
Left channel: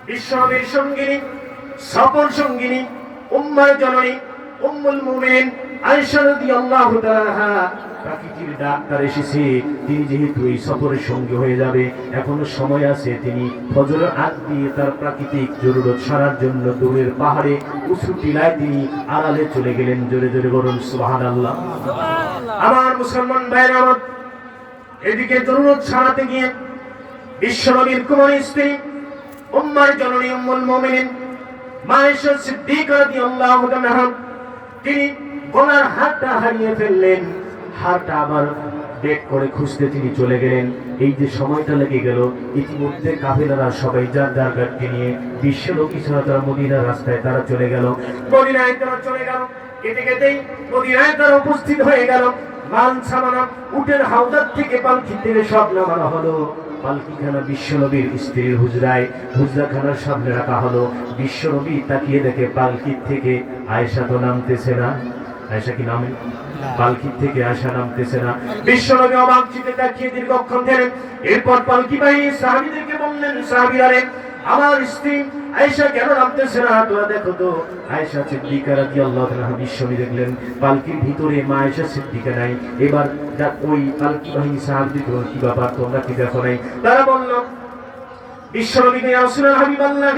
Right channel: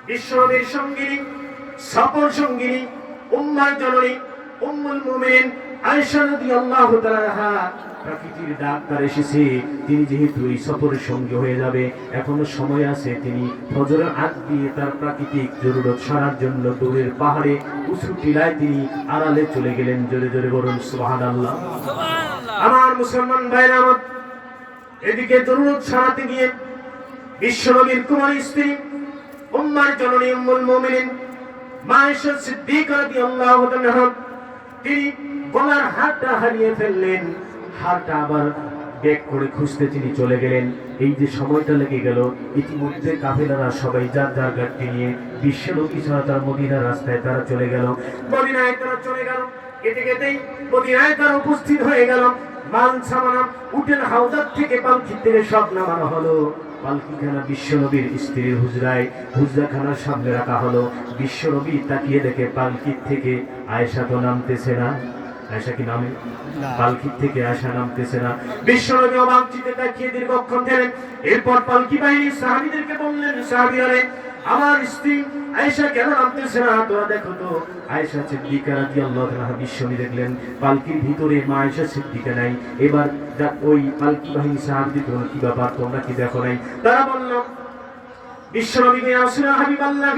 বিশ্বনবীর সঙ্গিনী, সফর সঙ্গিনী, উম্মার জননী, উম্মুল মুমিনিন আয়েশা রাদিয়াল্লাহু তাআলা আনহা, প্রাকৃতিক ডাক্তার এসেছে, তিনি যেহেতু এই সফরের সঙ্গে হয়ে যাবে, এখনো সময় আছে, তিনি ফজরের আগ দিয়ে তার প্রাকৃতিক জরুরত সারার জন্য দূরের পাহাড়ে উঁচু টিলায় তিনি আড়ালে চলে গেলেন। জোরে জোরে বলুন সুবহানাল্লাহ। আমার মুসলমান ভাইরা আমার, এদিকে জরুরত সারাতে গিয়ে বিশ্বনবীর কুমারী স্ত্রী, উম্মার জননী, উম্মুল মুমিনিন মা আয়েশা সিদ্দিকা রাদিয়াল্লাহু তাআলা, তিনি গলার হারটা হারিয়ে ফেললেন। হারটা আবার বেক করে খুঁজতে তিনি চলে গেলেন। এই যে সময়টা লেগে গেল, ইতিমধ্যে কাফেলারা সবাই যার যার গাড়ি নিয়ে বিশ্বনবী ছাড়া তারা মদিনার রাস্তায় তারা চলে গেল। মদিনায় তারা চলে গেল, কেটে কেটেই মদিনায় তারা উপস্থিত হয়ে গেল। মাল সামানা উটের হাওদার থেকে পালকি থেকে সব নামানো হলো। পালকিখানা বিশ্বনবীর স্ত্রীর হুজরায়, হুজরাখানার সামনে রাখা হলো। বিশ্বনবী তাকিয়ে দেখে পালকির থেকে আয়েশা তো নামতেছে না। আয়েশা কি নামে? পালকির থেকে আয়েশা নামতেছে না। বিশ্বনবী অবাক চিত্তে তাকিয়ে দীর্ঘক্ষণ গেলেন। এরপর পালকি বাহিনী সাহাবীদেরকে বললেন, সাহাবীরা, আমার স্ত্রী আয়েশা কেন নামতেছে না? তোরা দেখো তো। আয়েশা সিদ্দিকা রাদিয়াল্লাহু তাআলা, বিশ্বনবী দেখলেন পালকির ভিতরে মা আয়েশা সিদ্দিকা নাই। এবার ওই পালকি বাহিনী সাহাবীদের বলল, কি ব্যাপার, তোমরা কি দেখো নাই? তারা বলল, বিশ্বনবী ইয়া রাসূলুল্লাহ হাবিবাল্লাহ,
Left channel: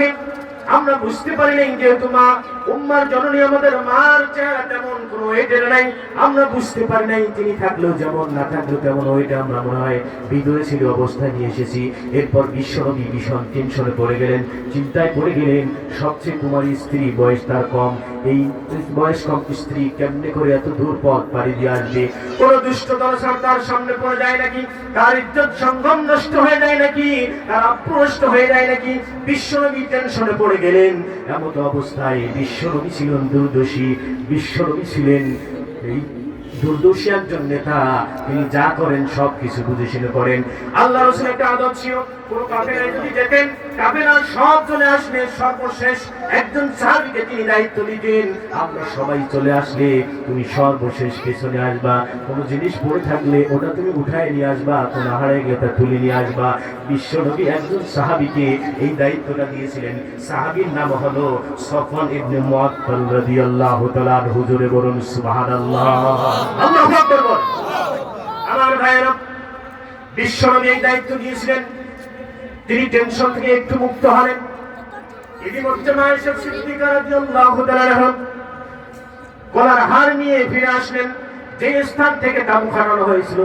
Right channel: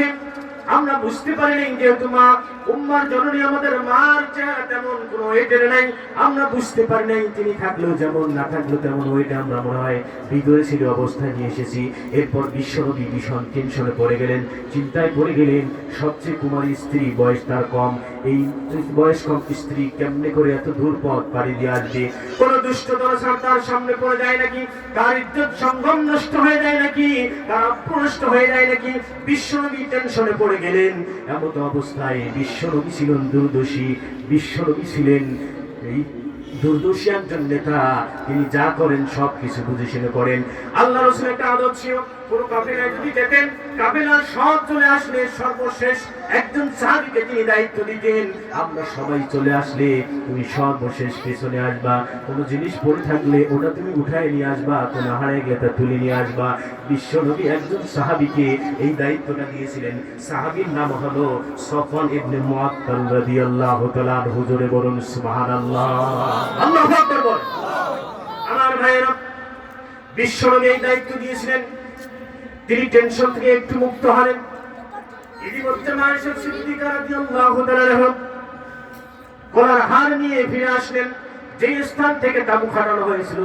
আমরা বুঝতে পারি নাই, যেহেতু মা উম্মার জননী, আমাদের মার চেহারা তেমন কোনো ওয়েটের নাই, আমরা বুঝতে পারি নাই। তিনি থাকলেও যেমন, না থাকলেও তেমন ওয়েটে আমরা মনে হয় ভিতরে ছিল অবস্থায় নিয়ে এসেছি। এরপর বিশ্বনবী ভীষণ টেনশনে পড়ে গেলেন, চিন্তায় পড়ে গেলেন। সবচেয়ে কুমারী স্ত্রী, বয়স তার কম, এই বয়স কম স্ত্রী কেমনে করে এত দূর পথ পাড়ি দিয়ে আসবে? কোন দুষ্ট দলসার তার সামনে পড়ে যায় নাকি? তার ইজ্জত সম্মান নষ্ট হয়ে যায় নাকি? তার অপ্রষ্ট হয়ে যায় নাকি? বিশ্বনবী টেনশনে পড়ে গেলেন। এমন অবস্থায় বিশ্বনবী ছিলেন দুর্দশী, বিশ্বনবী ছিলেন এই দুর্দশী একজন নেতা, তিনি যা করেন সব কিছু বুঝে শুনে করেন। আল্লাহ রাসূলের একটা আদত ছিল, কোন কাফেলা যদি যেতেন, কাফেলা সব চলে আসলে সর্বশেষ একজন সাহাবীকে তিনি দায়িত্ব দিতেন, আমরা সবাই চলে আসলে তুমি সর্বশেষ পেছনে আসবা, কোন জিনিস পড়ে থাকলে ওটা তুমি উঠায় নিয়ে আসবা, কোন হারিয়ে গেলে তা তুলে নিয়ে আসবা। বিশ্বনবী একজন সাহাবীকে এই দায়িত্বটা দিয়েছিলেন। সাহাবীর নাম হলো সফওয়ান ইবনে মুআত্তাল রাদিয়াল্লাহু তাআলা আনহু। জোরে বলুন সুবহানাল্লাহ। আল্লাহু আকবার বল। আমার ভাইয়েরা, বিশ্বনবী এই দায়িত্ব দিয়েছিলেন, তিনি টেনশন থেকে একটু মুক্ত হলেন। ইতিমধ্যে মা আয়েশা সিদ্দিকা রাদিয়াল্লাহু তাআলা আনহা গলার হার নিয়ে ফিরে আসলেন। যে স্থান থেকে তাবু খাটানো হয়েছিল,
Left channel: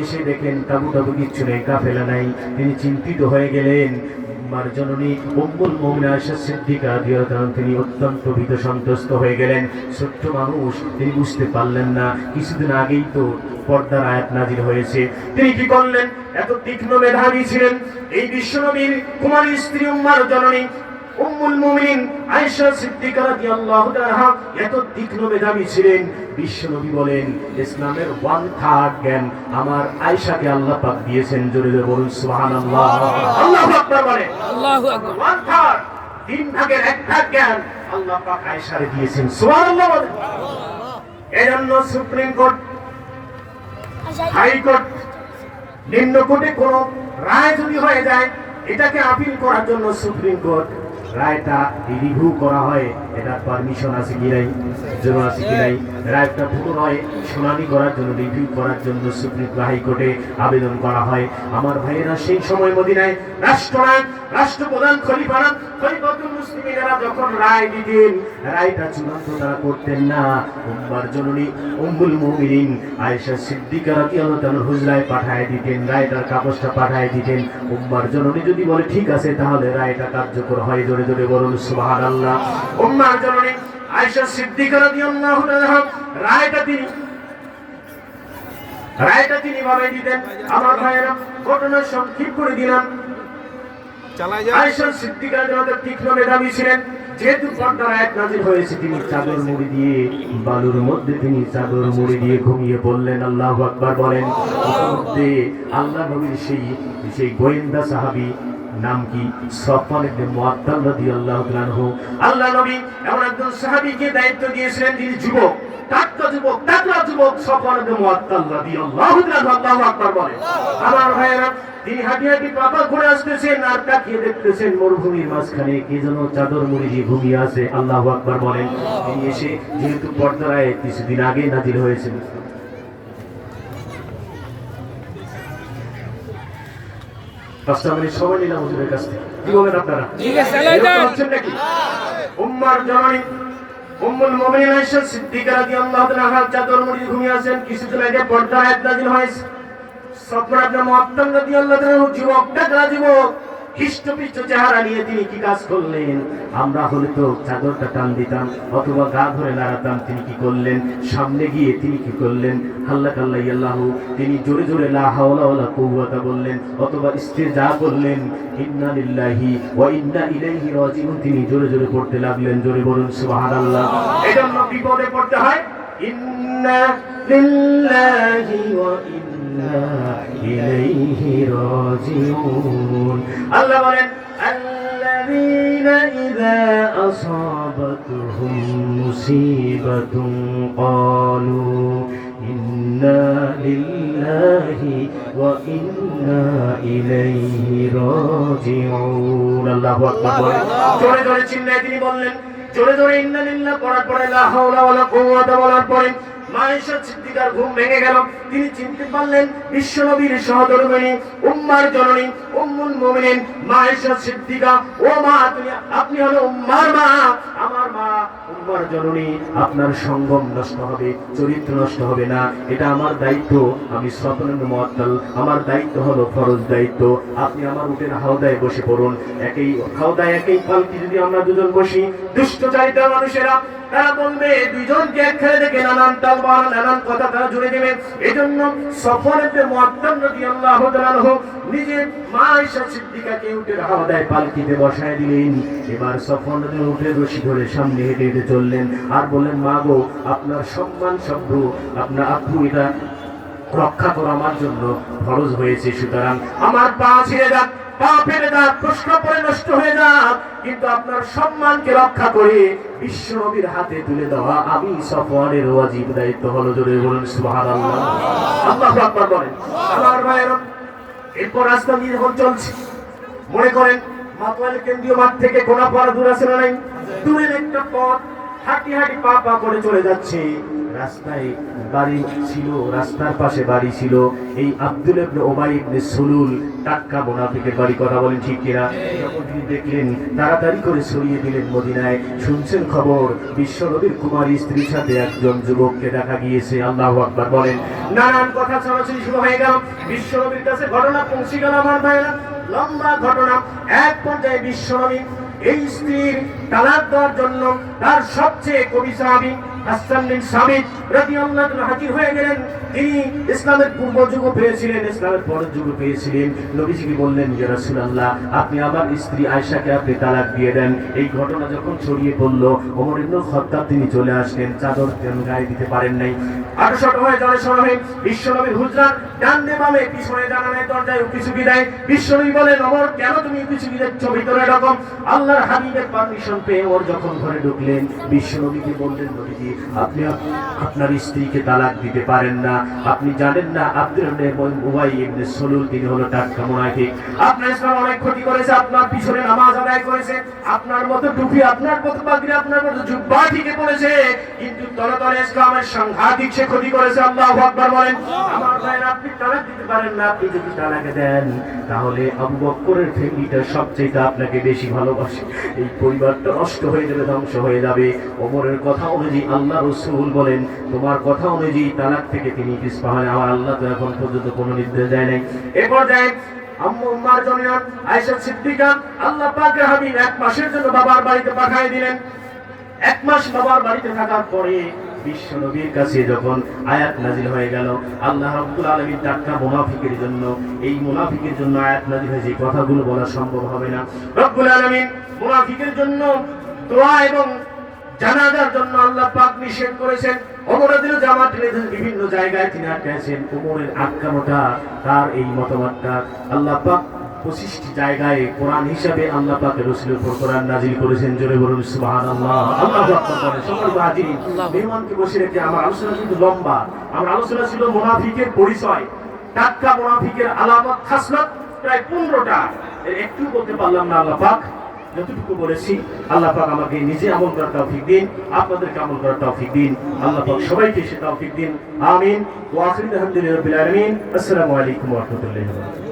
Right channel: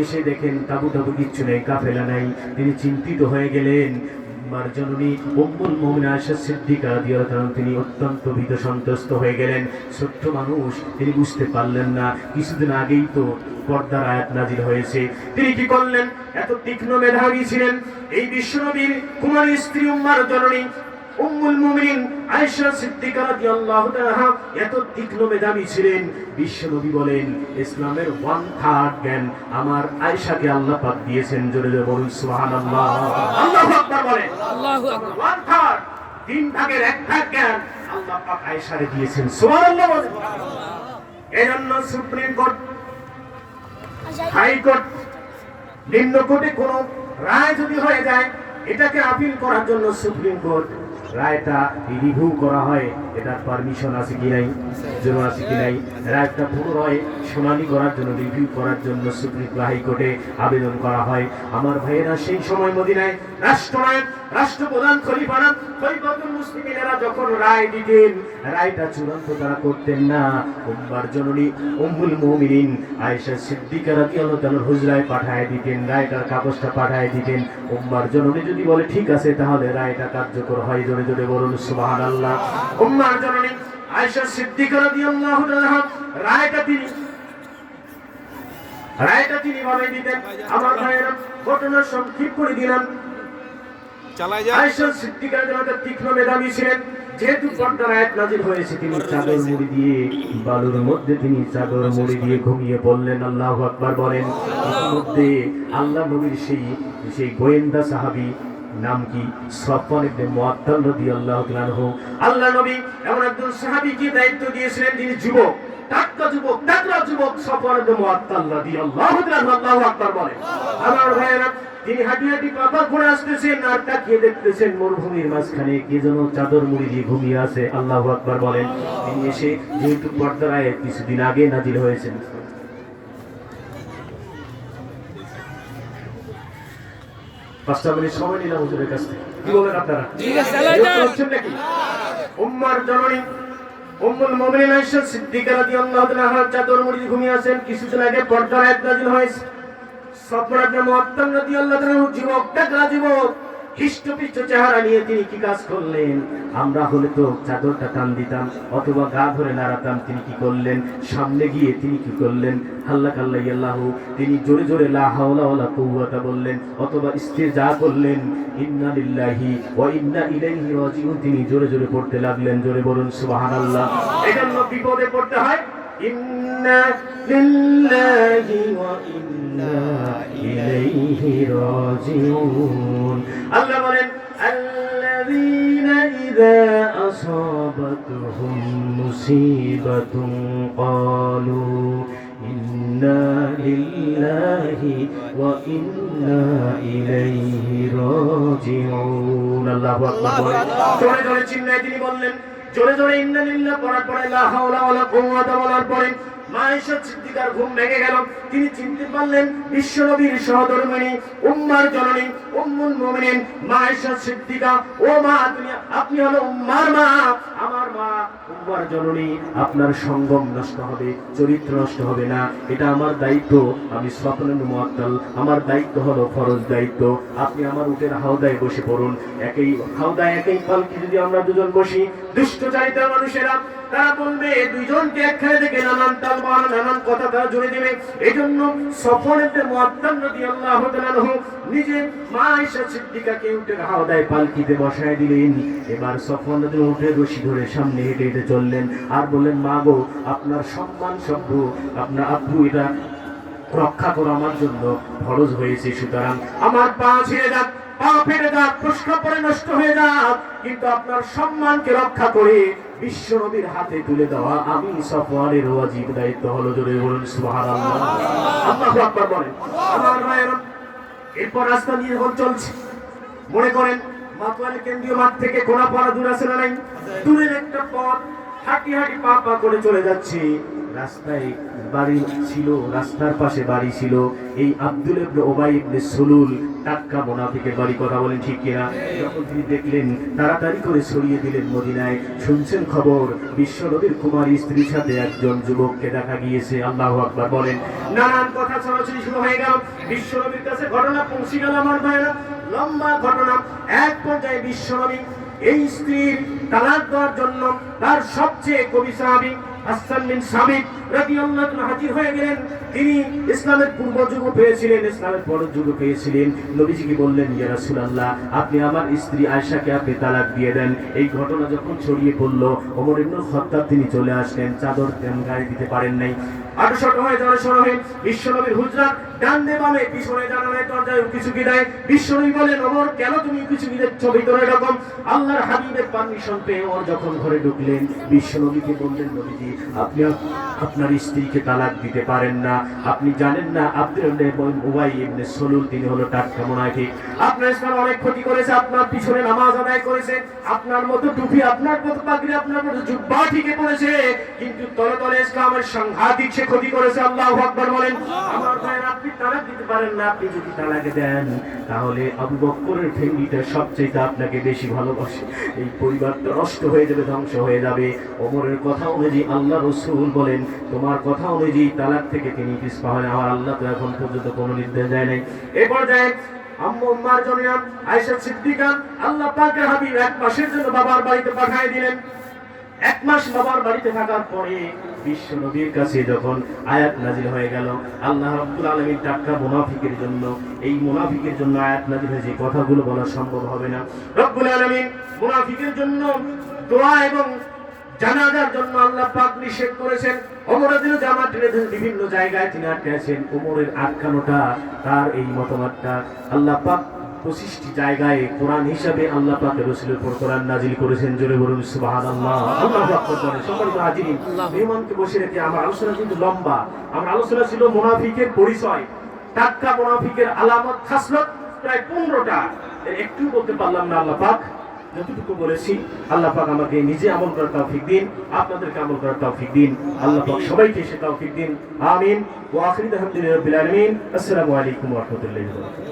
এসে দেখেন তাবু কিচ্ছু নেই, কাফেলা নাই। তিনি চিন্তিত হয়ে গেলেন। উম্মার জননী উম্মুল মুমিনিন আয়েশা সিদ্দিকা রাদিয়াল্লাহু তাআলা, তিনি অত্যন্ত ভীত সন্ত্রস্ত হয়ে গেলেন। ছোট্ট মানুষ, তিনি বুঝতে পারলেন না কিছুদিন আগেই তো পর্দার আয়াত নাজিল হয়েছে। তিনি কি করলেন? এত তীক্ষ্ণ মেধাবী ছিলেন এই বিশ্বনবীর কুমারী স্ত্রী উম্মার জননী উম্মুল মুমিনিন আয়েশা সিদ্দিকা রাদিয়াল্লাহু তাআলা, এত তীক্ষ্ণ মেধাবী ছিলেন। বিশ্বনবী বলেন, ইসলামের 1/3 জ্ঞান আমার আয়েশাকে আল্লাহ পাক দিয়েছেন। জোরে জোরে বলুন সুবহানাল্লাহ। আল্লাহু আকবার বলেন। আল্লাহু আকবার। 1/3, 3 ভাগের 1 ভাগ জ্ঞান আল্লাহ পাক আয়েশারে দিয়েছেন। সুবহানাল্লাহ বলেন। এজন্য সুপ্রিম কোর্ট, হাইকোর্ট, নিম্ন কোর্টে কোন রায় যদি হয়ে যায়, এটাকে আপিল করার জন্য সুপ্রিম কোর্ট রায়টা রিভিউ করা হয়, এটার পারমিশন আছে কি নাই, জরুরি আছে কি নাই, রায়টা পুনরায় শুনানি করার জন্য, রিভিউ করার জন্য সুপ্রিম হাইকোর্টে আবেদন করা হয়। আমার ভাইয়েরা, সেই সময় মদিনায় রাষ্ট্রনায়ক, রাষ্ট্রপ্রধান খলিফাতুল মুসলিমিনেরা যখন রায় দিতেন, রায়টা চূড়ান্ত তারা করতেন না। উম্মার জননী উম্মুল মুমিনিন আয়েশা সিদ্দিকা রাদিয়াল্লাহু তাআলা হুজরায় পাঠায় দিতেন, রায়টার কাগজটা পাঠায় দিতেন। উম্মার জননী যদি বলে ঠিক আছে, তাহলে রায়টা কার্যকর হয়। জোরে জোরে বলুন সুবহানাল্লাহ। উম্মার জননী আয়েশা সিদ্দিকা রাদিয়াল্লাহু তাআলা রায়টা তিনি বানাই দিতেন। আমার ভাইয়েরা, ঘটনা সংক্ষিপ্ত করে দিলাম। আয়েশা সিদ্দিকা রাদিয়াল্লাহু তাআলা তীক্ষ্ণ মেধাবী ছিলেন। যেহেতু পর্দার আয়াত নাযিল হয়েছে, তিনি চাদর মুড়ি দিয়ে বালুর মধ্যে তিনি চাদর মুড়ি দিয়ে ঘুমিয়ে পড়লেন। আল্লাহু আকবার বলেন। মধ্যে আল্লাহ নবীর সেই গোয়েন্দা সাহাবী নাম কি? সফওয়ান ইবনে মুআত্তাল রাদিয়াল্লাহু তাআলা আনহু। আল্লাহ নবী এমন একজন সাহাবীকে দায়িত্ব দিয়েছিলেন যিনি যুবক, তাকড়া যুবক সফওয়ান ইবনে মুআত্তাল রাদিয়াল্লাহু তাআলা। আল্লাহু আকবার বলেন। আমার ভাইয়েরা, তিনি হাঁটি হাঁটি পাপা ঘুরে আসতেছেন আর তাকিয়ে দেখতেছেন মরুভূমির মাঝখানে কে যেন চাদর মুড়ি দিয়ে ঘুমিয়ে আছে। আল্লাহু আকবার বলেন। তিনি এসে, যেহেতু পর্দার আয়াত কিছুদিন আগে নাযিল হয়েছিল, 5 মিনিট সময় নিলাম হুজুরের কাছ থেকে। কি বলেন আপনারা? ঠিক আছে, চালাই যান। উম্মার জননী উম্মুল মুমিনিন আয়েশা সিদ্দিকা রাদিয়াল্লাহু তাআলা আনহা চাদর মুড়ি দিয়ে ঘুমিয়ে আছেন। কিছুদিন আগে পর্দার আয়াত নাযিল হয়েছে। সফওয়ান ইবনে মুআত্তাল রাদিয়াল্লাহু তাআলা যুবক, তাকড়া যুবক, হিষ্টপিষ্ট চেহারা নিয়ে তিনি কি কাজ করলেন? আমরা হলে তো চাদরটা টান দিতাম অথবা গা ধরে নাড়াতাম। তিনি কি করলেন? সামনে গিয়ে তিনি কি করলেন? হাল্লাকাল্লাহু, তিনি জোরে জোরে লা হাওলা ওয়ালা কুওয়াতা বললেন অথবা ইস্তিজা করলেন, ইন্না লিল্লাহি ওয়া ইন্না ইলাইহি রাজিউন। তিনি জোরে জোরে পড়তে লাগলেন। জোরে বলুন সুবহানাল্লাহ। এজন্য বিপদে পড়তে হয় ইন্না লিল্লাহি ওয়া ইন্না ইলাইহি রাজিউন। আল্লাহ বলেন, আল্লাযীনা ইযা আসাবাতুহুম মুসিবাতুন ক্বালু ইন্না লিল্লাহি ওয়া ইন্না ইলাইহি রাজিউন। আল্লাহু আকবার বলেন। জোরে জোরে চিল্লায়ে তিনি বললেন, জোরে জোরে ইন্না লিল্লাহ পড়ার পরে লা হাওলা ওয়ালা কুওয়াতা বলার পরে মা আয়েশা সিদ্দিকার ঘুম ভেঙে গেল। তিনি চিনতে পারলেন বিশ্বনবীর সহধর্মিণী উম্মার জননী উম্মুল মুমিনিন মা আয়েশা সিদ্দিকা। ও মা, আপনি হলো উম্মার মা, আমার মা উম্মার জননী। আপনার সঙ্গম নষ্ট হবে, চরিত্র নষ্ট হবে না, এটা আমার দায়িত্ব। আমি সফওয়ান ইবনে মুআত্তাল, আমার দায়িত্ব হলো ফরজ দায়িত্ব। আপনি আমার উটের হাওদায় বসে পড়ুন। একই হাওদায় একই পালকি যদি আমরা দুজন বসি, দুষ্ট চাইতে মানুষেরা তারা বলবে দুইজনকে একখানে দেখে নানান তালবাহানা নানান কথা তারা জুড়ে দেবে। এজন্য সফওয়ান ইবনে মুআত্তাল রাদিয়াল্লাহু তাআলা আনহু নিজে মা আয়েশা সিদ্দিকাকে উটের হাওদায় পালকিতে বসায় দিলেন। এবার সফওয়ান উটের রশি ধরে সামনে হেঁটে হেঁটে চললেন আর বললেন, মা গো, আপনার সম্মান সভ্য, আপনার আপু এটা রক্ষা করা আমার জন্য ফরজ হয়েছে। সুতরাং আমার পা ছিঁড়ে যাক, পা ফেটে যাক, প্রশ্ন করে নষ্ট হয়ে যাক, কিন্তু আপনার সম্মানকে রক্ষা করে বিশ্ব নবীর হাতে তুলে দেওয়া আমি সফওয়ানের ওয়াজিব দায়িত্ব হলো। জোরে বলুন সুবহানাল্লাহ। আল্লাহু আকবার বলেন। আমার ভাইয়েরা, এরপর রাস্তা দিয়ে যখন চলছে, মনে করেন মাতোয়ালি কেন্দ্রীয় মাঠ থেকে কোনাপাড়া দূর আছে না নাই? দূরের একটা পথ হাঁটি হাঁটি পা পা করে চলে যাচ্ছে। রাস্তায় বাড়ি ছিল, রাস্তার পাশে বাড়ি ছিল এই আব্দুল ইবনে উবাই ইবনে সুলুল, টাটকা মুনাফিকের বাড়ি। কথা বলেন ঠিক কিনা? যখন তিনি দেখলেন, তাড়াতাড়ি করে ছড়িয়ে দিলেন মদিনায়। শুনছেন খবর, বিশ্ব নবীর কুমারী স্ত্রীর সাথে একজন যুবককে দেখা গিয়েছে। আল্লাহু আকবার বলেন। নানান কথা ছড়াছড়ি শুরু হয়ে গেল। বিশ্ব নবীর কাছে ঘটনা পৌঁছে গেল। আমার ভাইয়েরা, লম্বা ঘটনা। এক পর্যায়ে বিশ্ব নবী এই স্ত্রীর তালাক দেওয়ার জন্য তার সবচেয়ে কবি সাহাবী হাসান বিন সাবিত রাদিয়াল্লাহু তাআলা হাজির হয়ে গেলেন। তিনি ইসলামের পূর্ব যুগ পেয়েছিলেন, ইসলামের পরের যুগ পেয়েছিলেন। নবীজিকে বললেন, ইয়া রাসূলুল্লাহ, আপনি আমার স্ত্রী আয়েশাকে আপনি তালাক দিয়ে দেন। এই ঘটনা যখন ছড়িয়ে পড়ল, ওমর ইবনে খাত্তাব তিনি চলে আসলেন। চাদর গায়ে দিতে পারেন নাই। আটশত হয়ে জনসভা হয়ে বিশ্বনবীর হুজরাত ডানে বামে পিছনে জানা নাই, দরজায় কিছু বিদায়। বিশ্বনবী বলেন, ওমর কেন তুমি কিছু যাচ্ছ ভিতরে? এরকম আল্লাহর হাবিবের পারমিশন পেয়ে ওর যখন ঘরে ঢুকলেন, বিশ্বনবীকে বললেন, নবীজি আপনি আপনার স্ত্রীকে তালাক দিতে পারেন না। আপনি জানেন না আব্দুল উবাই ইবনে সুলুল তিনি হলো টাটকা মুনাফিক। আপনার ইসলাম অনেক ক্ষতি করেছে, আপনার পিছনে নামাজ আদায় করেছে, আপনার মতো টুপি, আপনার মতো পাগড়ি, আপনার মতো জুব্বা ঠিকই পড়েছে, কিন্তু তলে তলে ইসলামের সাংঘাতিক সে ক্ষতি করেছে। আল্লাহু আকবার বলেন। আমার ভাইরা, আপনি তালাক দিতে পারেন না। আপনি যদি তালাক দেন, তাহলে আবু বকরের ফ্যামিলিটা সবচেয়ে আপনাকে বেশি ভালোবাসে। এই পরিবারটা নষ্ট হয়ে যাবে, ধ্বংস হয়ে যাবে। ওমরের কথা অনুযায়ী আল্লাহ রাসূল বলেন, তোমার কথা অনুযায়ী তালাক থেকে তিনি পিছপা হন। আমার আল্লাহ তো এখন পর্যন্ত কোনো নির্দেশ দেয় নাই। এরপর যায় আম্মু উম্মার জন্য আয়েশা সিদ্দিকা, আল্লাহ পাকের হাবিব 1 মাসের জন্য বাবার বাড়িতে পাঠিয়ে দিলেন। 1 মাস বাবার বাড়িতে থাকার পরে বিশ্ব নবীর কাছে যখন আয়াত নাযিল হয়ে গেল, আল্লাহ রাব্বুল আলামিন টাটকা মুনাফিকের জন্য, এই মুনাফিকের জন্য আয়াত নাযিল হয়েছে। কথাগুলো বলা সম্ভব হবে না। রব্বুল আলামিন মুনাফিকের জন্য দোয়া এবং জানাজার জন্য আল্লাহ পাক নিষেধ করেছেন। ওমরের দিনে জামাত টেনে বিভিন্ন জায়গায় তিনি আটকেছেন। ওমরের আটকানোটা, তার এই মতামতটা আল্লাহ পাক 25টি জায়গায় কোরআন হিসাবে আল্লাহ পাকের রাসূলের উপর কোরআন নাযিল করেছেন। জোরে বলুন সুবহানাল্লাহ। আল্লাহু আকবার। সম্মানিত হাজিরিন, মেহমানকে বসে রেখে আমার আলোচনা কিন্তু লম্বা। আমার আলোচনা ছিল মুনাফিকের পরিচয়, টাটকা মুনাফিকের আলামত খাসলত প্রায় 15টা। একটু বলতে পারলাম না। আল্লাহ পাক যতটুকু বলেছি, আল্লাহ পাক আমাকে নিজে আমল করার তৌফিক দিন, আপনাদেরকে আমল করার তৌফিক দিন। আল্লাহ পাক সবাইকে সে তৌফিক দিন। আমিন। ওয়া আখিরু দাওয়ানা আলহামদুলিল্লাহি রাব্বিল আলামিন। আসসালামু আলাইকুম ওয়া রাহমাতুল্লাহি ওয়া বারাকাতুহু।